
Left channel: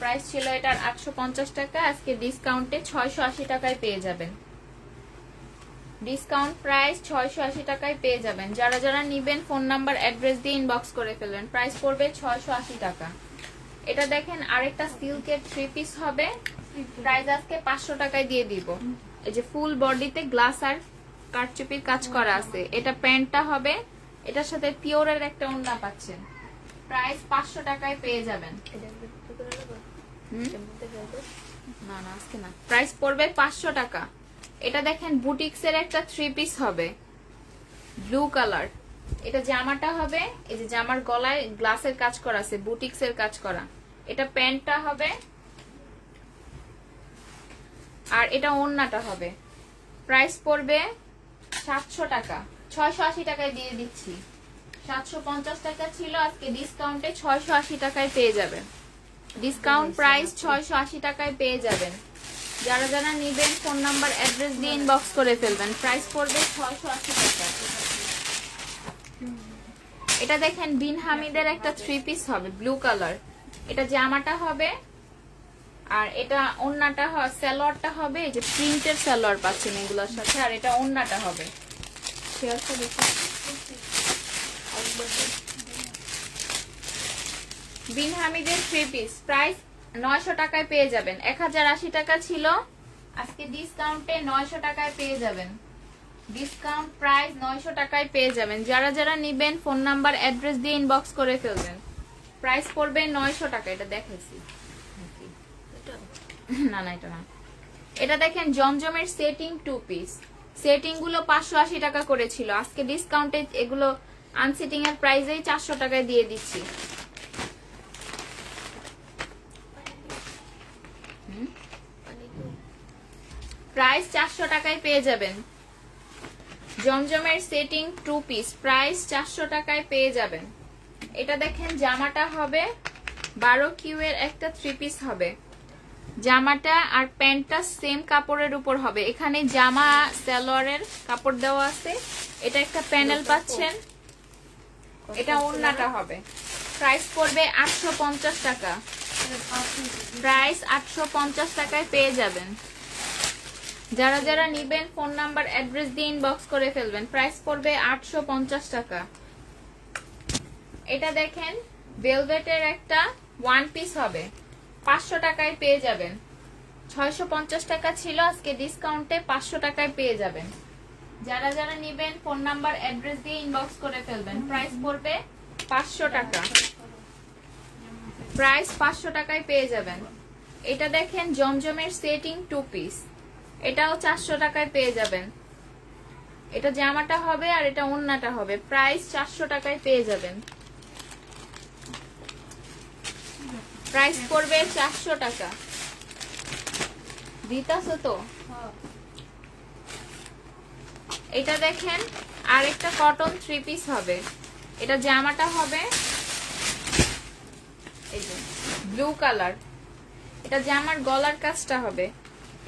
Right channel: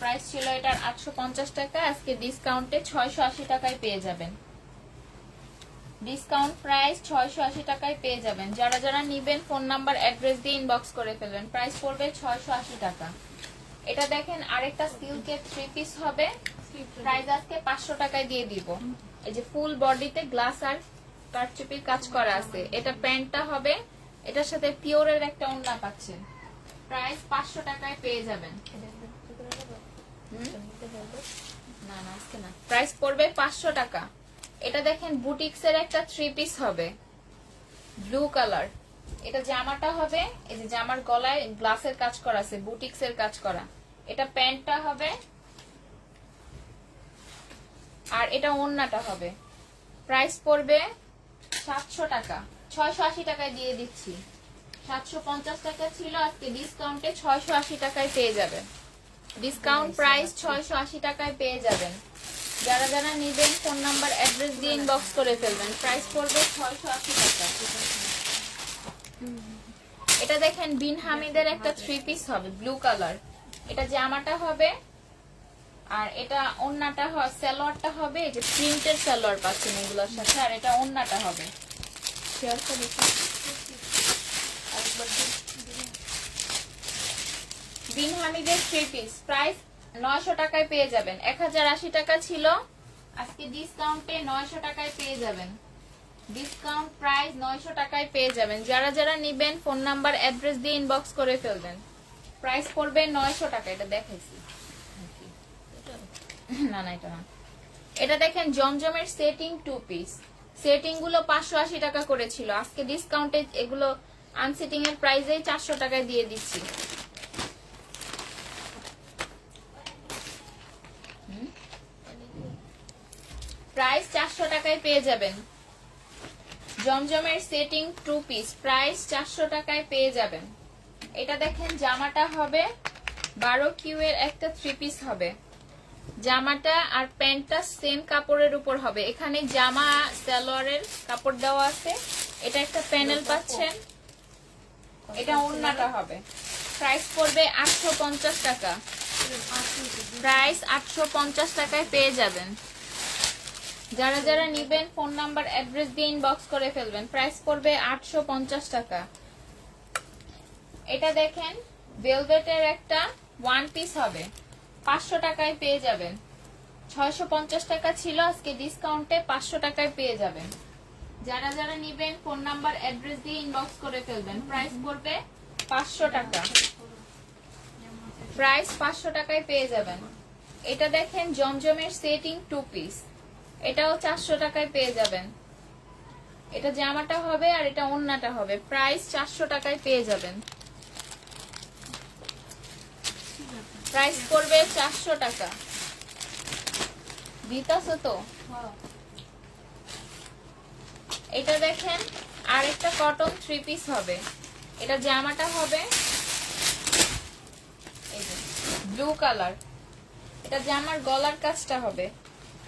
প্রাইস ছিল এটার 850 টাকা, আজকে ডিসকাউন্টে 680 টাকায় পেয়ে যাবেন। ডিসকাউন্ট প্রাইস 680 টাকায় পেয়ে যাবেন। যারা যারা নিবেন ফোন নাম্বার অ্যাড্রেস দিয়ে ইনবক্স করে ফেলবেন। প্রাইস পড়বে 680 টাকা। এটা দেখেন আরেকটা সিল্কের 3 পিস হবে, প্রাইস আজকে 500 টাকায় দিয়ে দিব। এই যে ফুল বডিতে গ্লাস আর কারচুপির কাজ করা আছে। এটা প্যান্টটা হবে, এটার সাথে পিওরের একটা ওড়না পাচ্ছেন। প্রাইস 500 টাকায় পেয়ে যাবেন। না না আজকে না, প্রাইস পড়বে 500 টাকা। এটা দেখেন বুটিক্স এর একটা 3 পিস হবে, ব্লু কালার। এটা জামাটা হবে, এই যে জামার গলায় গ্লাসের কাজ করা আছে, বুটিক্স এর কাজ করা। এটা প্যান্টটা হবে আর এটা ওড়নাটা হবে। প্রাইস পড়বে 700 টাকা, 680 টাকায় দিয়ে দিচ্ছি। 750 টাকা ছিল, আজকে ডিসকাউন্টে 680 টাকায় পেয়ে যাবেন। ডিসকাউন্ট প্রাইস 680 টাকায় পেয়ে যাবেন। যারা যারা নিবেন ফোন নাম্বার অ্যাড্রেস দিয়ে ইনবক্স করে ফেলবেন। প্রাইস পড়বে 680 টাকা। এটা দেখেন বিন হামিদের একটা 3 পিস হবে, ব্লু কালার। এটা জামাটা হবে আর এটা ওড়নাটা হবে, সালোয়ারটা হবে এই যে প্রিন্টের সালোয়ার পাচ্ছেন এগুলোর সাথে, আর এটা ওড়নাটা হবে। শেয়ারটা দেখুন, বিন হামিদের 3 পিস, প্রাইস 900 টাকায় পেয়ে যাবেন। 1080 টাকা ছিল, আজকে ডিসকাউন্টে 900 টাকায় পেয়ে যাবেন। ডিসকাউন্ট প্রাইস 900 টাকায় পেয়ে যাবেন। যারা যারা নিবেন ফোন নাম্বার অ্যাড্রেস দিয়ে ইনবক্স করে ফেলবেন। প্রাইস পড়বে 900 টাকা। এটা দেখাইছি না না এটা না। এটা দেখেন জমজমের সেটিং 2 পিস। সেটিং গুলো 580 টাকা করেছিল, আজকে ডিসকাউন্টে এগুলো আনসেটিং এর প্রাইসেই 400 টাকায় দিয়ে দিচ্ছি। প্রাইস 400 টাকায় পেয়ে যাবেন। জমজমের সেটিং 2 পিস, প্রাইস 400 টাকায় পেয়ে যাবেন। এটা দেখেন জামাটা হবে 12 কিউ এর একটা 3 পিস হবে। জামাটা আর প্যান্টটা সেম কাপড়ের উপর হবে। এখানে জামা সালোয়ারের কাপড় দেওয়া আছে। এটা একটা প্যানেল পাচ্ছেন, এটা ওড়নাটা হবে। প্রাইস পড়বে 850 টাকা। প্রাইস 850 টাকায় পেয়ে যাবেন। যারা যারা নিবেন ফোন নাম্বার অ্যাড্রেস দিয়ে ইনবক্স করে ফেলবেন। প্রাইস পড়বে 850 টাকা। এটা দেখেন ভেলভেটের একটা 1 পিস হবে, 500 টাকায় পেয়ে যাবেন। 650 টাকা ছিল, আজকে ডিসকাউন্টে 500 টাকায় পেয়ে যাবেন। যারা যারা নিবেন ফোন নাম্বার অ্যাড্রেস দিয়ে ইনবক্স করে ফেলবেন। প্রাইস পড়বে 500 টাকা। প্রাইস 500 টাকায় পেয়ে যাবেন। এটা দেখেন জমজমের সেটিং 2 পিস, এটাও 400 টাকায় পেয়ে যাবেন। এটা জামাটা হবে আর এটা ওড়নাটা হবে। প্রাইস 400 টাকায় পেয়ে যাবেন। প্রাইস পড়বে 400 টাকা। দিতাছো তো? এটা দেখেন আর একটা কটন 3 পিস হবে। এটা জামাটা হবে এই যে ব্লু কালার। এটা জামার গলার কাজটা হবে।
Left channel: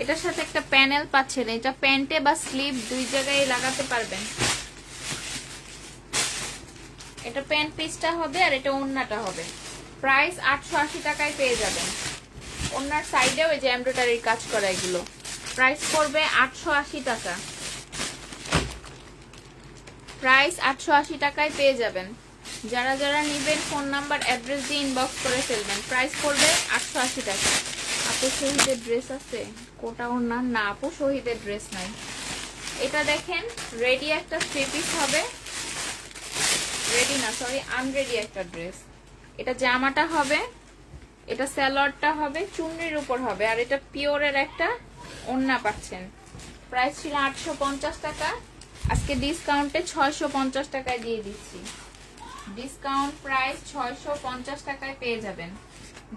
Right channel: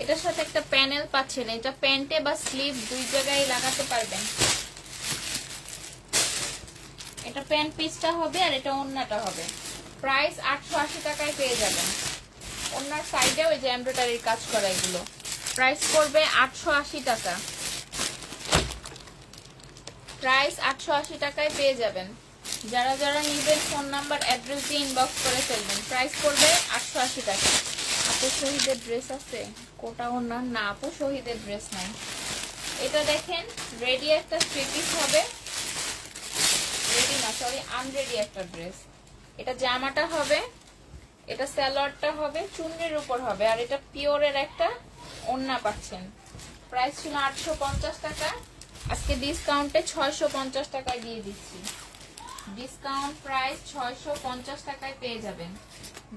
এটার সাথে একটা প্যানেল পাচ্ছেন, এটা প্যান্টে বা স্লিভ 2 জায়গায় লাগাতে পারবেন। এটা প্যান্ট পিসটা হবে আর এটা ওড়নাটা হবে। প্রাইস 880 টাকায় পেয়ে যাবেন। ওড়নার সাইডে ওই যে এমব্রয়ডারির কাজ করা এগুলো। প্রাইস পড়বে 880 টাকা। প্রাইস 880 টাকায় পেয়ে যাবেন। যারা যারা নিবেন ফোন নাম্বার অ্যাড্রেস দিয়ে ইনবক্স করে ফেলবেন। প্রাইস পড়বে 880 টাকা। আপু শহীদের ড্রেস আছে? কোটা ওড়না না আপু, শহীদের ড্রেস নাই। এটা দেখেন রেডি একটা 3 পিস হবে, রেডি না সরি আনরেডি একটা ড্রেস। এটা জামাটা হবে, এটা সালোয়ারটা হবে, চুন্নির উপর হবে, আর এটা পিওরের একটা ওড়না পাচ্ছেন। প্রাইস ছিল 850 টাকা, আজকে ডিসকাউন্টে 650 টাকায় দিয়ে দিচ্ছি। ডিসকাউন্ট প্রাইস 650 টাকায় পেয়ে যাবেন।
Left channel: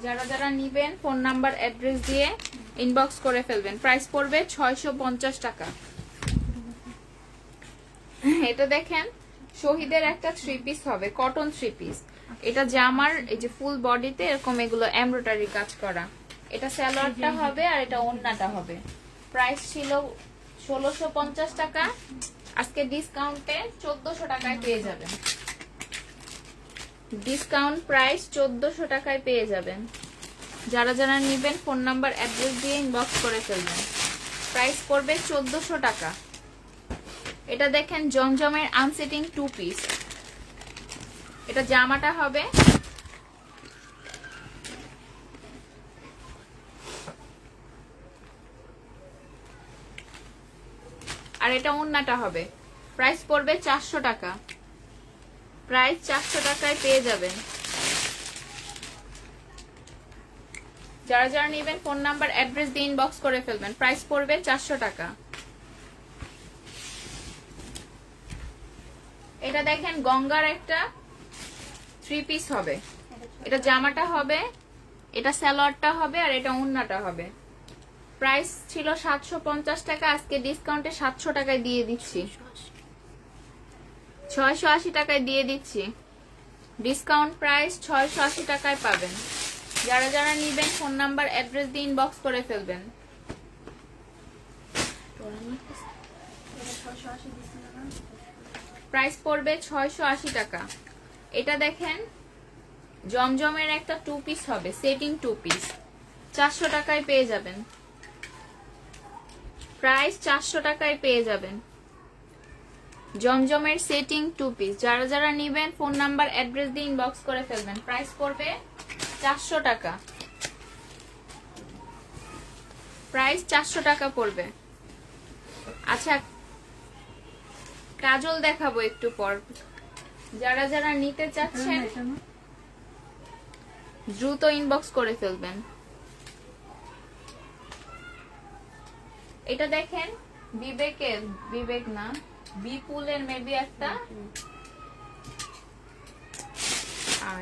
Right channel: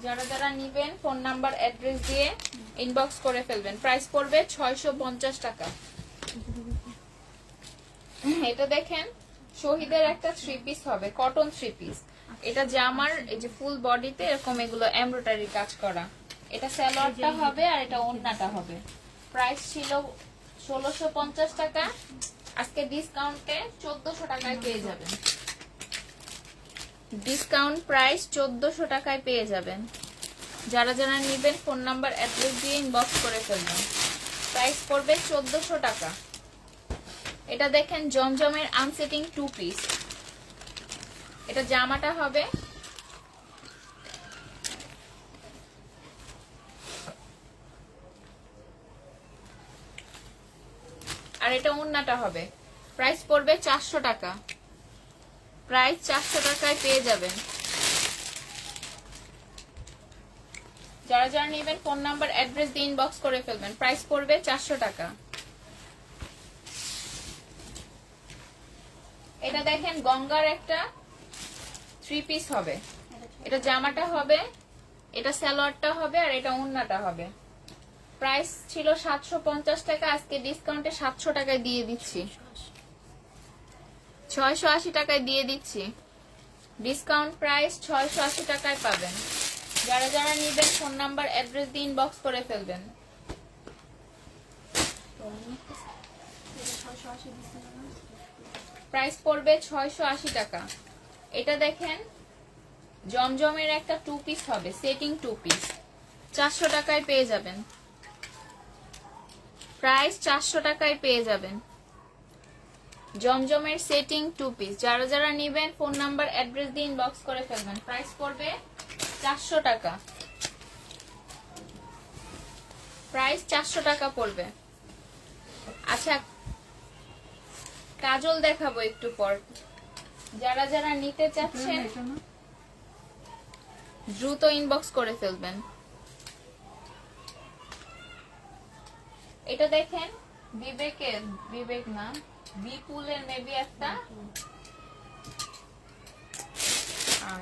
যারা যারা নিবেন ফোন নাম্বার অ্যাড্রেস দিয়ে ইনবক্স করে ফেলবেন। প্রাইস পড়বে 650 টাকা। এটা দেখেন শহীদের একটা 3 পিস হবে, কটন 3 পিস। এটা জামার এই যে ফুল বডিতে এরকম এগুলো এমব্রয়ডারি কাজ করা। এটা সালোয়ারটা হবে আর এটা ওড়নাটা হবে। প্রাইস ছিল 1650 টাকা, আজকে ডিসকাউন্টে 1400 টাকায় পেয়ে যাবেন। ডিসকাউন্ট প্রাইস 1400 টাকায় পেয়ে যাবেন। যারা যারা নিবেন ফোন নাম্বার অ্যাড্রেস দিয়ে ইনবক্স করে ফেলবেন। প্রাইস পড়বে 1400 টাকা। এটা দেখেন জমজমের আনসেটিং 2 পিস। এটা জামাটা হবে, আর এটা ওন্নাটা হবে। প্রাইস পড়বে 400 টাকা, প্রাইস 400 টাকায় পেয়ে যাবেন। যারা যারা নেবেন ফোন নাম্বার অ্যাড্রেস দিয়ে ইনবক্স করে ফেলবেন। প্রাইস পড়বে 400 টাকা। এটা দেখেন গঙ্গার একটা 3 পিস হবে। এটা জামাটা হবে, এটা সালোয়ারটা হবে, আর এটা ওন্নাটা হবে। প্রাইস ছিল 750 টাকা, আজকে ডিসকাউন্টে 700 টাকায় দিয়ে দিচ্ছি, 680 টাকায় দিয়ে দিচ্ছি। ডিসকাউন্ট প্রাইস 680 টাকায় পাবেন। যারা যারা নিবেন ফোন নাম্বার অ্যাড্রেস দিয়ে ইনবক্স করে ফেলবেন। প্রাইস পড়বে 680 টাকা। এটা দেখেন জমজমের একটা 2 পিস হবে, সেটিং 2 পিস, 400 টাকায় পেয়ে যাবেন। প্রাইস 400 টাকায় পেয়ে যাবেন জমজমের সেটিং 2 পিস। যারা যারা নিবেন ফোন নাম্বার অ্যাড্রেস দিয়ে ইনবক্স করে ফেলবেন। প্রাইস পড়বে 400 টাকা, প্রাইস 400 টাকা পড়বে। আচ্ছা কাজল দেখাবো একটু পর। যারা যারা নিতে চাচ্ছেন দ্রুত ইনবক্স করে ফেলবেন। এটা দেখেন বিবেকের, বিবেক না বিপুলের মেবি একটা,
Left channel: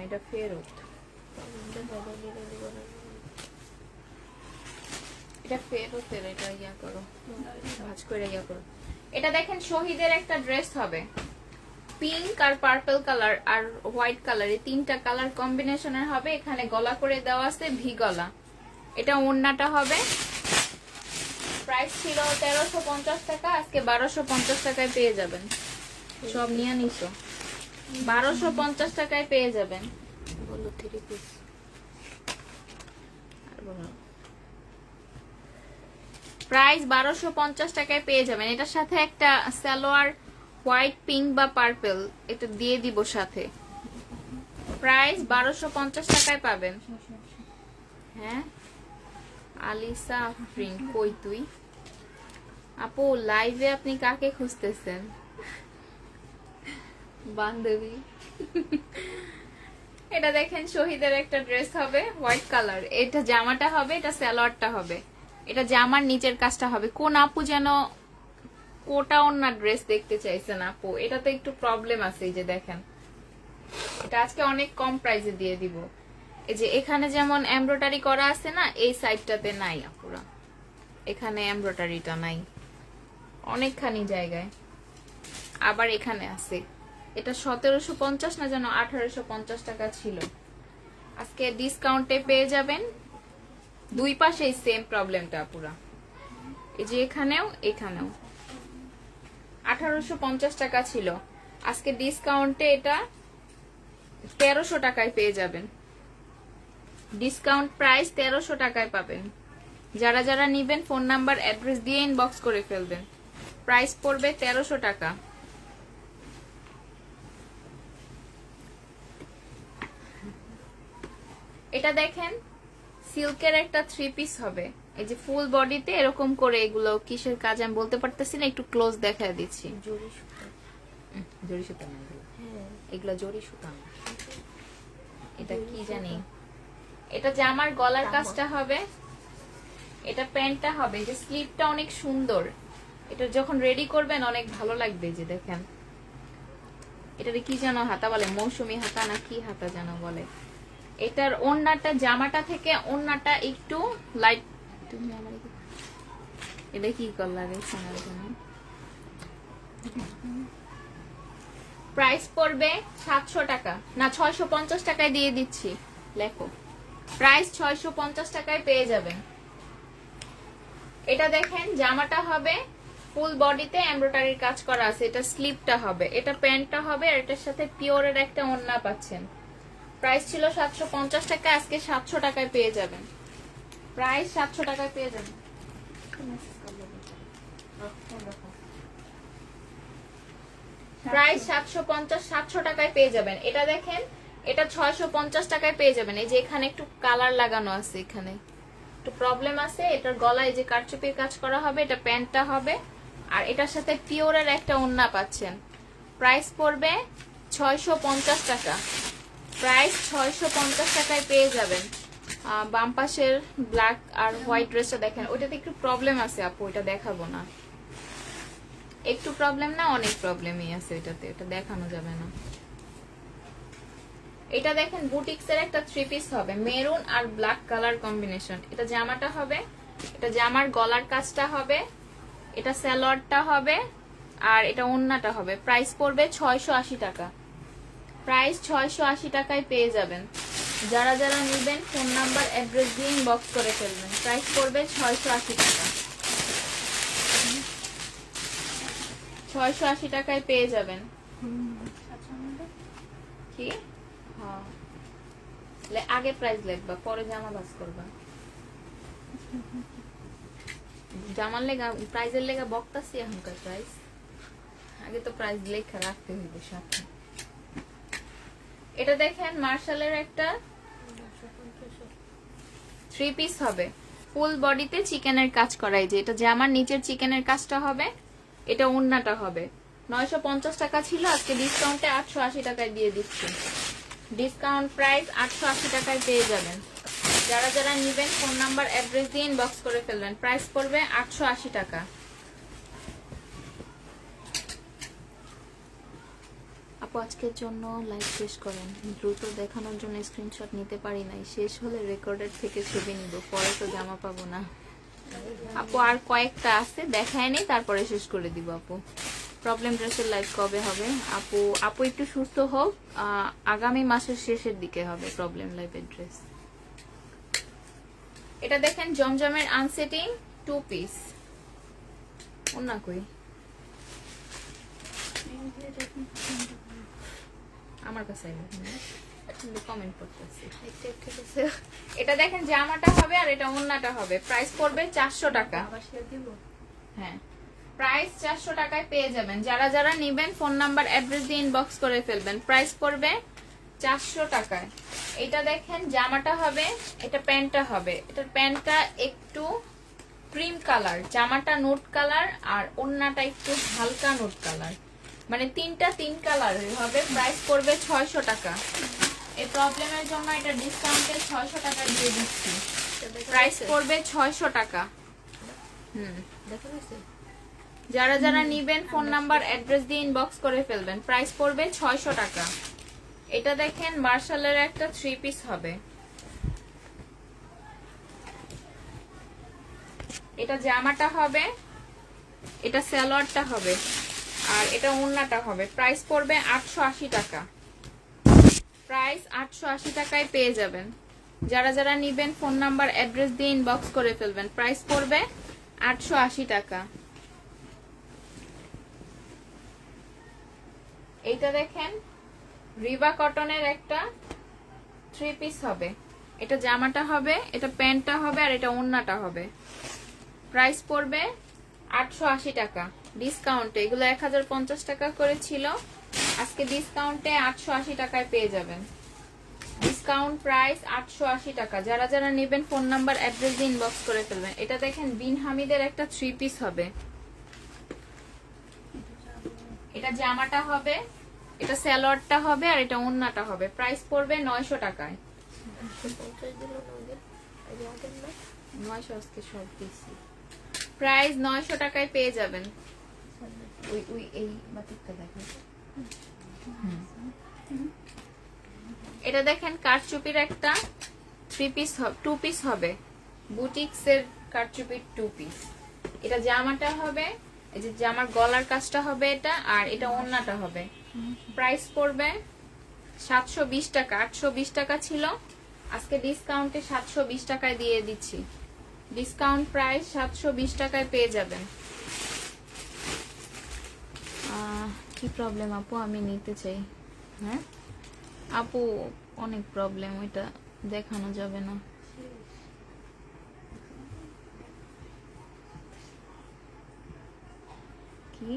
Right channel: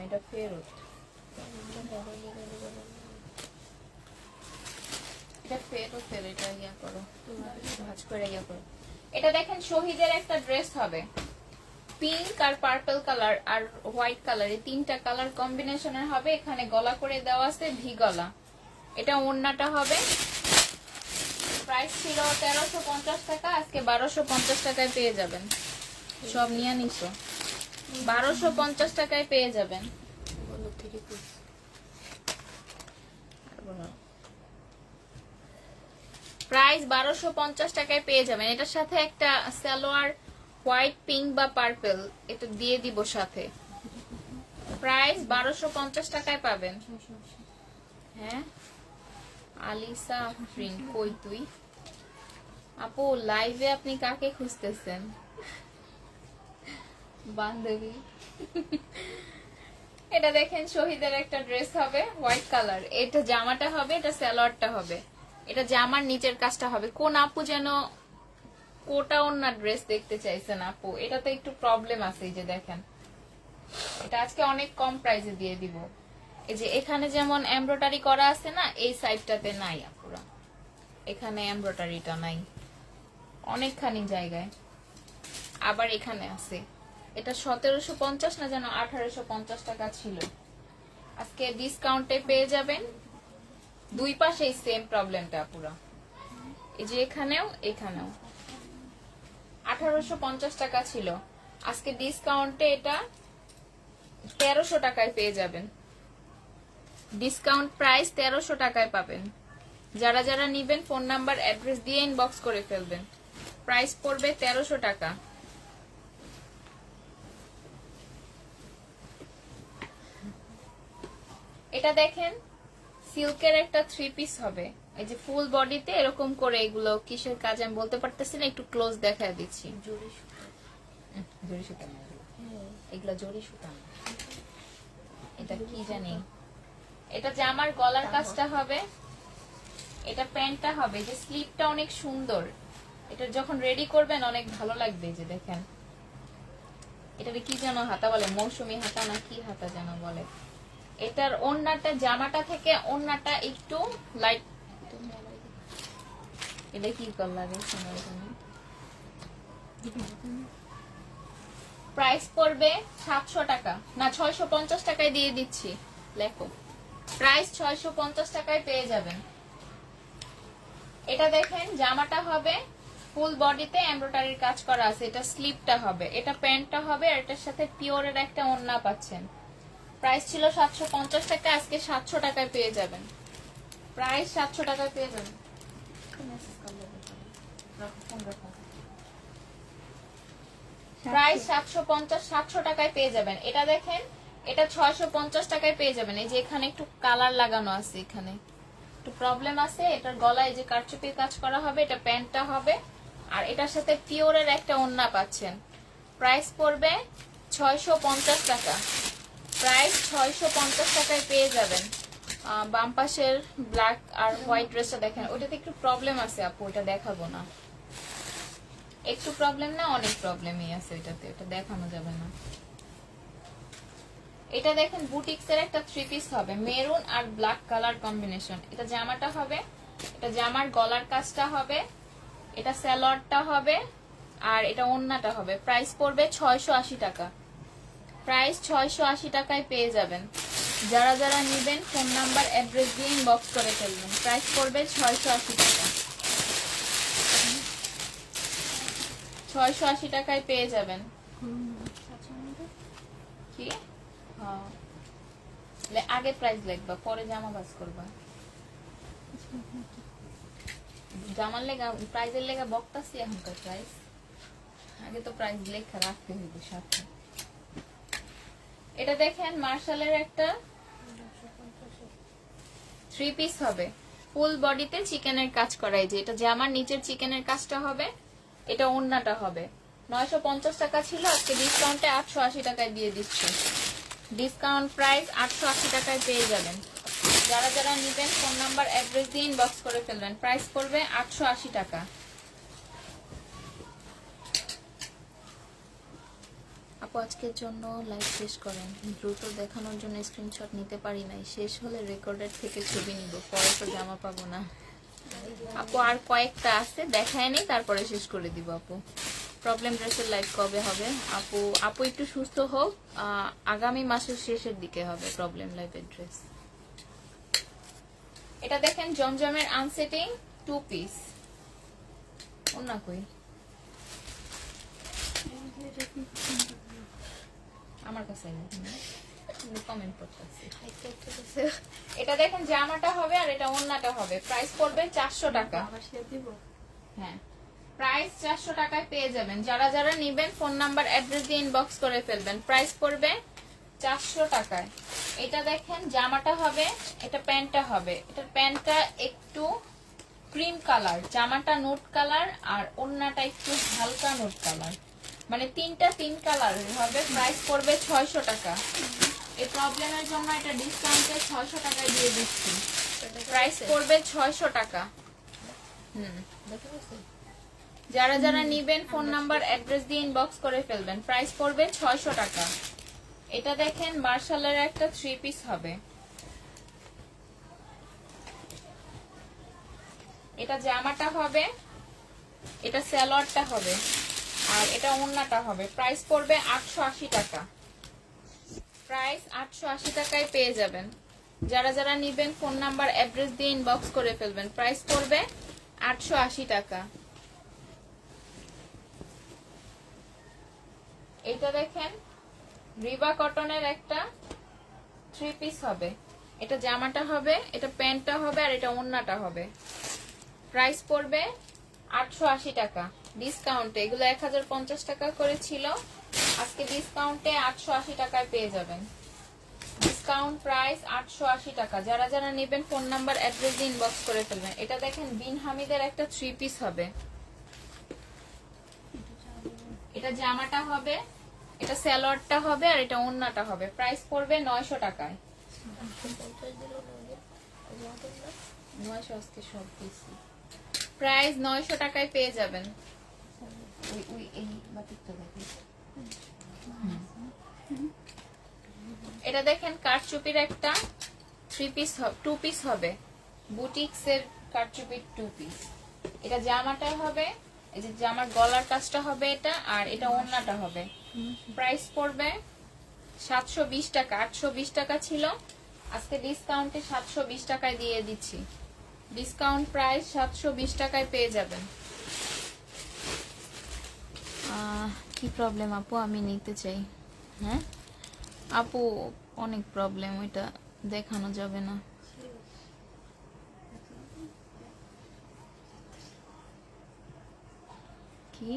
এটা ফেরত, এটা ফেরত, এটা ইয়া করো, ভাঁজ করে ইয়া করো। এটা দেখেন শহীদের একটা ড্রেস হবে, পিঙ্ক আর পার্পল কালার আর হোয়াইট কালার, এই 3টা কালার কম্বিনেশনের হবে। এখানে গলা করে দেওয়া আছে ভি গলা। এটা ওন্নাটা হবে। প্রাইস ছিল 1350 টাকা, আজকে 1250 টাকায় পেয়ে যাবেন। সব নিয়ে নিছো, 1250 টাকায় পেয়ে যাবেন। বলো 3 পিস। প্রাইস 1250 টাকায় পেয়ে যাবেন। এটার সাথে একটা সালোয়ার হোয়াইট পিঙ্ক বা পার্পল এটা দিয়ে দিব সাথে। প্রাইস 1250 টাকায় পাবেন। হ্যাঁ আলিসা আফরিন, কই তুই আপু? লাইভে আপনি কাকে খুঁজতেছেন? বান্ধবী। এটা দেখেন শহীদের একটা ড্রেস হবে হোয়াইট কালার। এটা জামাটা হবে, এটা সালোয়ারটা হবে, এটা জামার নিচের কাজটা হবে। কোন আপু যেন কোটা ওন্না ড্রেস দেখতে চাইছেন আপু? এটা তো একটু প্রবলেম আছে। এই যে দেখেন এটা আজকে অনেক কম প্রাইসে দিয়ে দিব। এই যে এখানে যেমন এমব্রয়ডারি করা আছে না, এই সাইডটাতে নাই আপুরা, এখানে এমব্রয়ডারিটা নাই অনেকখানি জায়গায়, আবার এখানে আছে। এটা 1750 না যেন 1850 টাকা ছিল, আজকে ডিসকাউন্টে পেয়ে যাবেন। দুই পাশেই সেম প্রবলেমটা আপুরা, এই যে এখানেও এখানেও 1850 টাকা ছিল, আজকে ডিসকাউন্টে এটা 1300 টাকায় পেয়ে যাবেন। ডিসকাউন্ট প্রাইস 1300 টাকায় পাবেন। যারা যারা নিবেন ফোন নাম্বার অ্যাড্রেস দিয়ে ইনবক্স করে ফেলবেন। প্রাইস পড়বে 1300 টাকা। এটা দেখেন সিল্কের একটা 3 পিস হবে, এই যে ফুল বডিতে এরকম করে। এগুলো কিসের কাজ আমি বলতে পারতেছি না, একটু ক্লোজ দেখায় দিচ্ছি। জরি সুতা, জরি সুতা না এগুলো, জরি সুতা না, এটা কি জানি। এটা জামার গলার কাজটা হবে, এটা প্যান্টটা হবে, যে স্লিপটা অনেক সুন্দর। এটা যখন রেডি করবেন অনেক ভালো লাগবে। যে দেখেন এটারে কি যেন হাতা বলে, মৌসুমী হাতা না কি হাতা যেন বলে। এটার ওন্নাটা, জামাটা থেকে ওন্নাটা একটু লাইট। এটা কি করলাম? প্রাইস পড়বে 700 টাকা না 650 টাকায় দিয়ে দিচ্ছি। লেখো প্রাইস 650 টাকায় পেয়ে যাবেন। এটা দেখেন জামাটা হবে ফুল বডিতে এমব্রয়ডারির কাজ করা আছে, এটা স্লিপটা হবে, এটা প্যান্টটা হবে, আর এটার সাথে পিওরের একটা ওড়না পাচ্ছেন। প্রাইস ছিল 750 টাকা, আজকে 700 টাকায় পেয়ে যাবেন। প্রাইস 700 টাকায় পেয়ে যাবেন। প্রাইস 700 টাকায় পেয়ে যাবেন। এটা দেখেন এটা 650 টাকায় পেয়ে যাবেন। এই যে এখানে একটু কালার লাগানো আছে, এখানে একটু প্রবলেম আছে। এটার গলায় যে কারচুপির কাজ করা হবে, এটা প্যান্টটা হবে, আর এটার সাথে পিওরের একটা ওড়না পাচ্ছেন। প্রাইস পড়বে 650 টাকা। প্রাইস 650 টাকায় পেয়ে যাবেন। বাম পাশের ব্ল্যাক আর হোয়াইট ড্রেসটা দেখেন, ওইটাতে একটু প্রবলেম আছে আপু, ওইটা দেখাবো না। একটু প্রবলেম না, অনেক প্রবলেমই আছে এটাতে, এটা দেখানো যাবে না। এটা দেখেন বুটিক্স এর একটা 3 পিস হবে, মেরুন আর ব্ল্যাক কালার কম্বিনেশন। এটা জামাটা হবে, এটা জামার গলার কাজটা হবে, এটা সালোয়ারটা হবে, আর এটা ওড়নাটা হবে। প্রাইস পড়বে 680 টাকা। প্রাইস 680 টাকায় পেয়ে যাবেন। যারা যারা নেবেন ফোন নাম্বার অ্যাড্রেস দিয়ে ইনবক্স করে ফেলবেন। প্রাইস পড়বে 680 টাকা। 680 টাকায় পেয়ে যাবেন। কি হ্যাঁ, আগে প্রাইস লিখবা, পরে জামা বাস করবা। জামার লেগা প্রাইজের লেগা বক্তাছি এখনকার প্রাইস, আগে তো প্রাইস লেখা রাখতে হইবে সাথে। এটা দেখেন মার্শালের একটা 3 পিস হবে, ফুল বডিতে চিকেনের কাজ করাই, যে এটা জামার নিচের চিকেনের কাজটা হবে, এটা ওড়নাটা হবে। 950 টাকা ছিল, আজকে ডিসকাউন্টে 880 টাকায় দিয়ে দিচ্ছি। ডিসকাউন্ট প্রাইস 880 টাকায় পেয়ে যাবেন। যারা যারা নেবেন ফোন নাম্বার অ্যাড্রেস দিয়ে ইনবক্স করে ফেলবেন। প্রাইস পড়বে 880 টাকা। আপু আজকের জন্য লাইভ শেষ করেন, দ্রুত দেখানোর জন্য স্ক্রিনশট নিতে পারি নাই, শেষ হলে রেকর্ডের থেকে ছবি নিব, পরে তো জামা পাবো না। আপু আর কয়েকটা আছে, দেখায় নেই, তারপরে শেষ করে দিব আপু। প্রবলেম ড্রেসের লাইভ কবে হবে? আপু একটু সুস্থ হোক, আগামী মাসের শেষের দিকে হবে প্রবলেম লাইভের ড্রেস। এটা দেখেন জমজমের আনসেটিং 2 পিস ওড়না কই আমার কাছে কমেন্ট করতেছি। এটা দেখেন জামাটা হবে আর এটা ওড়নাটা হবে। প্রাইস পড়বে 400 টাকা। হ্যাঁ, প্রাইস 400 টাকায় পেয়ে যাবেন। যারা যারা নেবেন ফোন নাম্বার অ্যাড্রেস দিয়ে ইনবক্স করে ফেলবেন। প্রাইস পড়বে 400 টাকায়। এটা দেখেন জামাটা হবে, এটা প্যান্টটা হবে। এটার প্যান্টটা একটু ক্রিম কালার, জামাটা নোট কালার, আর ওড়নাটা একটু হালকা নোট কালার, মানে তিনটা 3 কালার হবে। প্রাইস পড়বে 600 টাকা। এই প্রবলেমের জন্য এটা ডিসকাউন্টে 600 টাকা দিয়ে দিচ্ছি। প্রাইস পড়বে 600 টাকা। যারা যারা নিবেন ফোন নাম্বার অ্যাড্রেস দিয়ে ইনবক্স করে ফেলবেন। প্রাইস পড়বে 600 টাকা। এটা দেখেন মার্শালের একটা 3 পিস হবে। এটা জামাটা হবে, এটা সালোয়ারটা হবে, আর এটা ওড়নাটা হবে। প্রাইস পড়বে 880 টাকা। প্রাইস 880 টাকায় পেয়ে যাবেন। যারা যারা নিবেন ফোন নাম্বার অ্যাড্রেস দিয়ে ইনবক্স করে ফেলবেন। প্রাইস পড়বে 880 টাকা। এইটা দেখেন রিবা কটনের একটা 3 পিস হবে। এটা জামাটা হবে, এটা প্যান্টটা হবে, আর এটা ওড়নাটা হবে। প্রাইস পড়বে 880 টাকা ডিসকাউন্টে। এগুলো 1050 টাকা করে ছিল, আজকে ডিসকাউন্টে 880 টাকায় পেয়ে যাবেন। ডিসকাউন্ট প্রাইস 880 টাকা। যারা যারা নেবেন ফোন নাম্বার অ্যাড্রেস দিয়ে ইনবক্স করে ফেলবেন। এটা দেখেন বিন হামিদের একটা 3 পিস হবে। এটা জামাটা হবে, এটা সালোয়ারটা হবে, আর এটা ওড়নাটা হবে। প্রাইস পড়বে 900 টাকায়। 900 আজকে সব দিছি। প্রাইস 900 টাকায় পেয়ে যাবেন। ওই এই বাটিকটা দেখেন। এটা দেখেন কারচুপির একটা 3 পিস 2 পিস হবে, বুটিক্স এর কারচুপির 2 পিস। এটা জামাটা হবে, এই যে জামার গলার কাজটা হবে এটা, আর এটা ওড়নাটা হবে। প্রাইস পড়বে 720 টাকা। 820 টাকা ছিল, আজকে ডিসকাউন্টে 720 টাকায় দিয়ে দিচ্ছি। ডিসকাউন্ট প্রাইস 720 টাকায় পেয়ে যাবেন। কি প্রবলেম আপু? আমি নিতে চাই। হ্যাঁ আপু, অনেক প্রবলেম, ওইটা দেখানো যাবে না। কি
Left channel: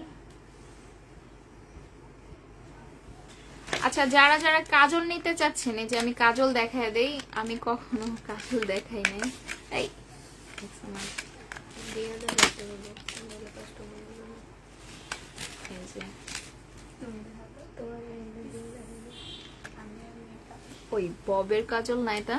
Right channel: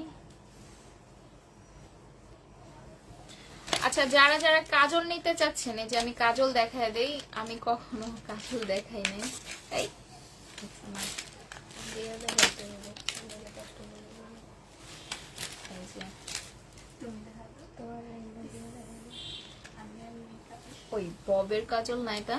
আচ্ছা, যারা যারা কাজল নিতে চাচ্ছেন, যে আমি কাজল দেখায় দেই, আমি কখনো কাজল দেখাই নাই। এই ওই ববের কাজল না এটা,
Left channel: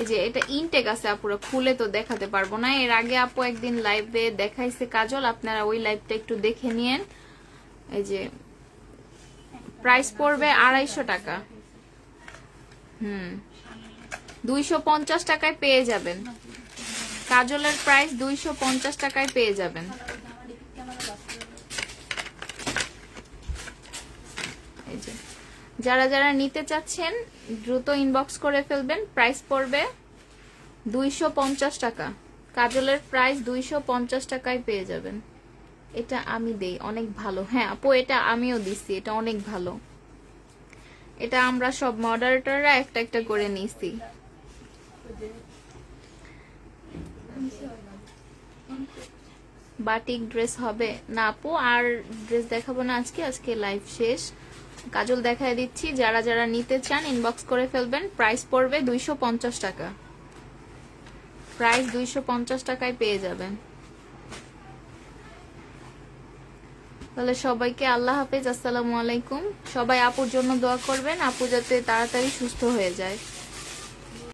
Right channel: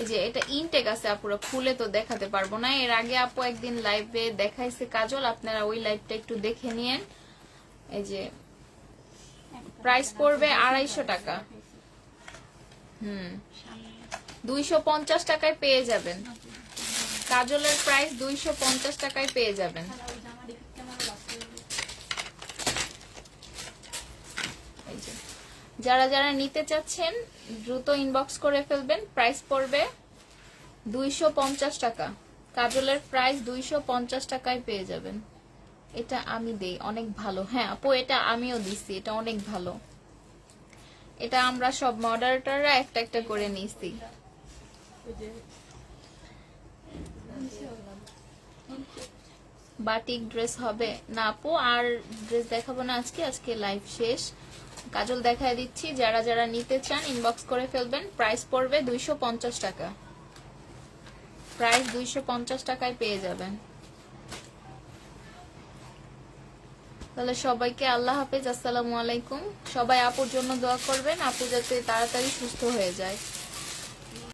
এই যে এটা ইনটেক আছে আপুরা, খুলে তো দেখাতে পারবো না। এর আগে আপু একদিন লাইভে দেখাইছে কাজল, আপনারা ওই লাইভটা একটু দেখে নিয়েন। এই যে প্রাইস পড়বে 250 টাকা। 250 টাকায় পেয়ে যাবেন। কাজলের প্রাইস 250 টাকায় পেয়ে যাবেন। যারা যারা নিতে চাচ্ছেন দ্রুত ইনবক্স করে ফেলবেন। প্রাইস পড়বে 250 টাকা। কাজলের প্রাইস 250 টাকায় পেয়ে যাবেন। এটা আমি দেই, অনেক ভালো। হ্যাঁ আপু এটা আমিও দিচ্ছি, এটা অনেক ভালো। এটা আমরা সব মডারেটররা একটা একটা করে নিছি। বাটিক ড্রেস হবে না আপু, আর ড্রেস দেখাবো না আজকে, আজকে লাইভ শেষ। কাজল দেখায় দিচ্ছি, যারা যারা নিতে চান ইনবক্স করে ফেলবেন। প্রাইস পড়বে 250 টাকা। প্রাইস 250 টাকায় পেয়ে যাবেন। তাহলে সবাইকে আল্লাহ হাফেজ, আসসালামু আলাইকুম। সবাই আপুর জন্য দোয়া করবেন, আপু যাতে তাড়াতাড়ি সুস্থ হয়ে যায়।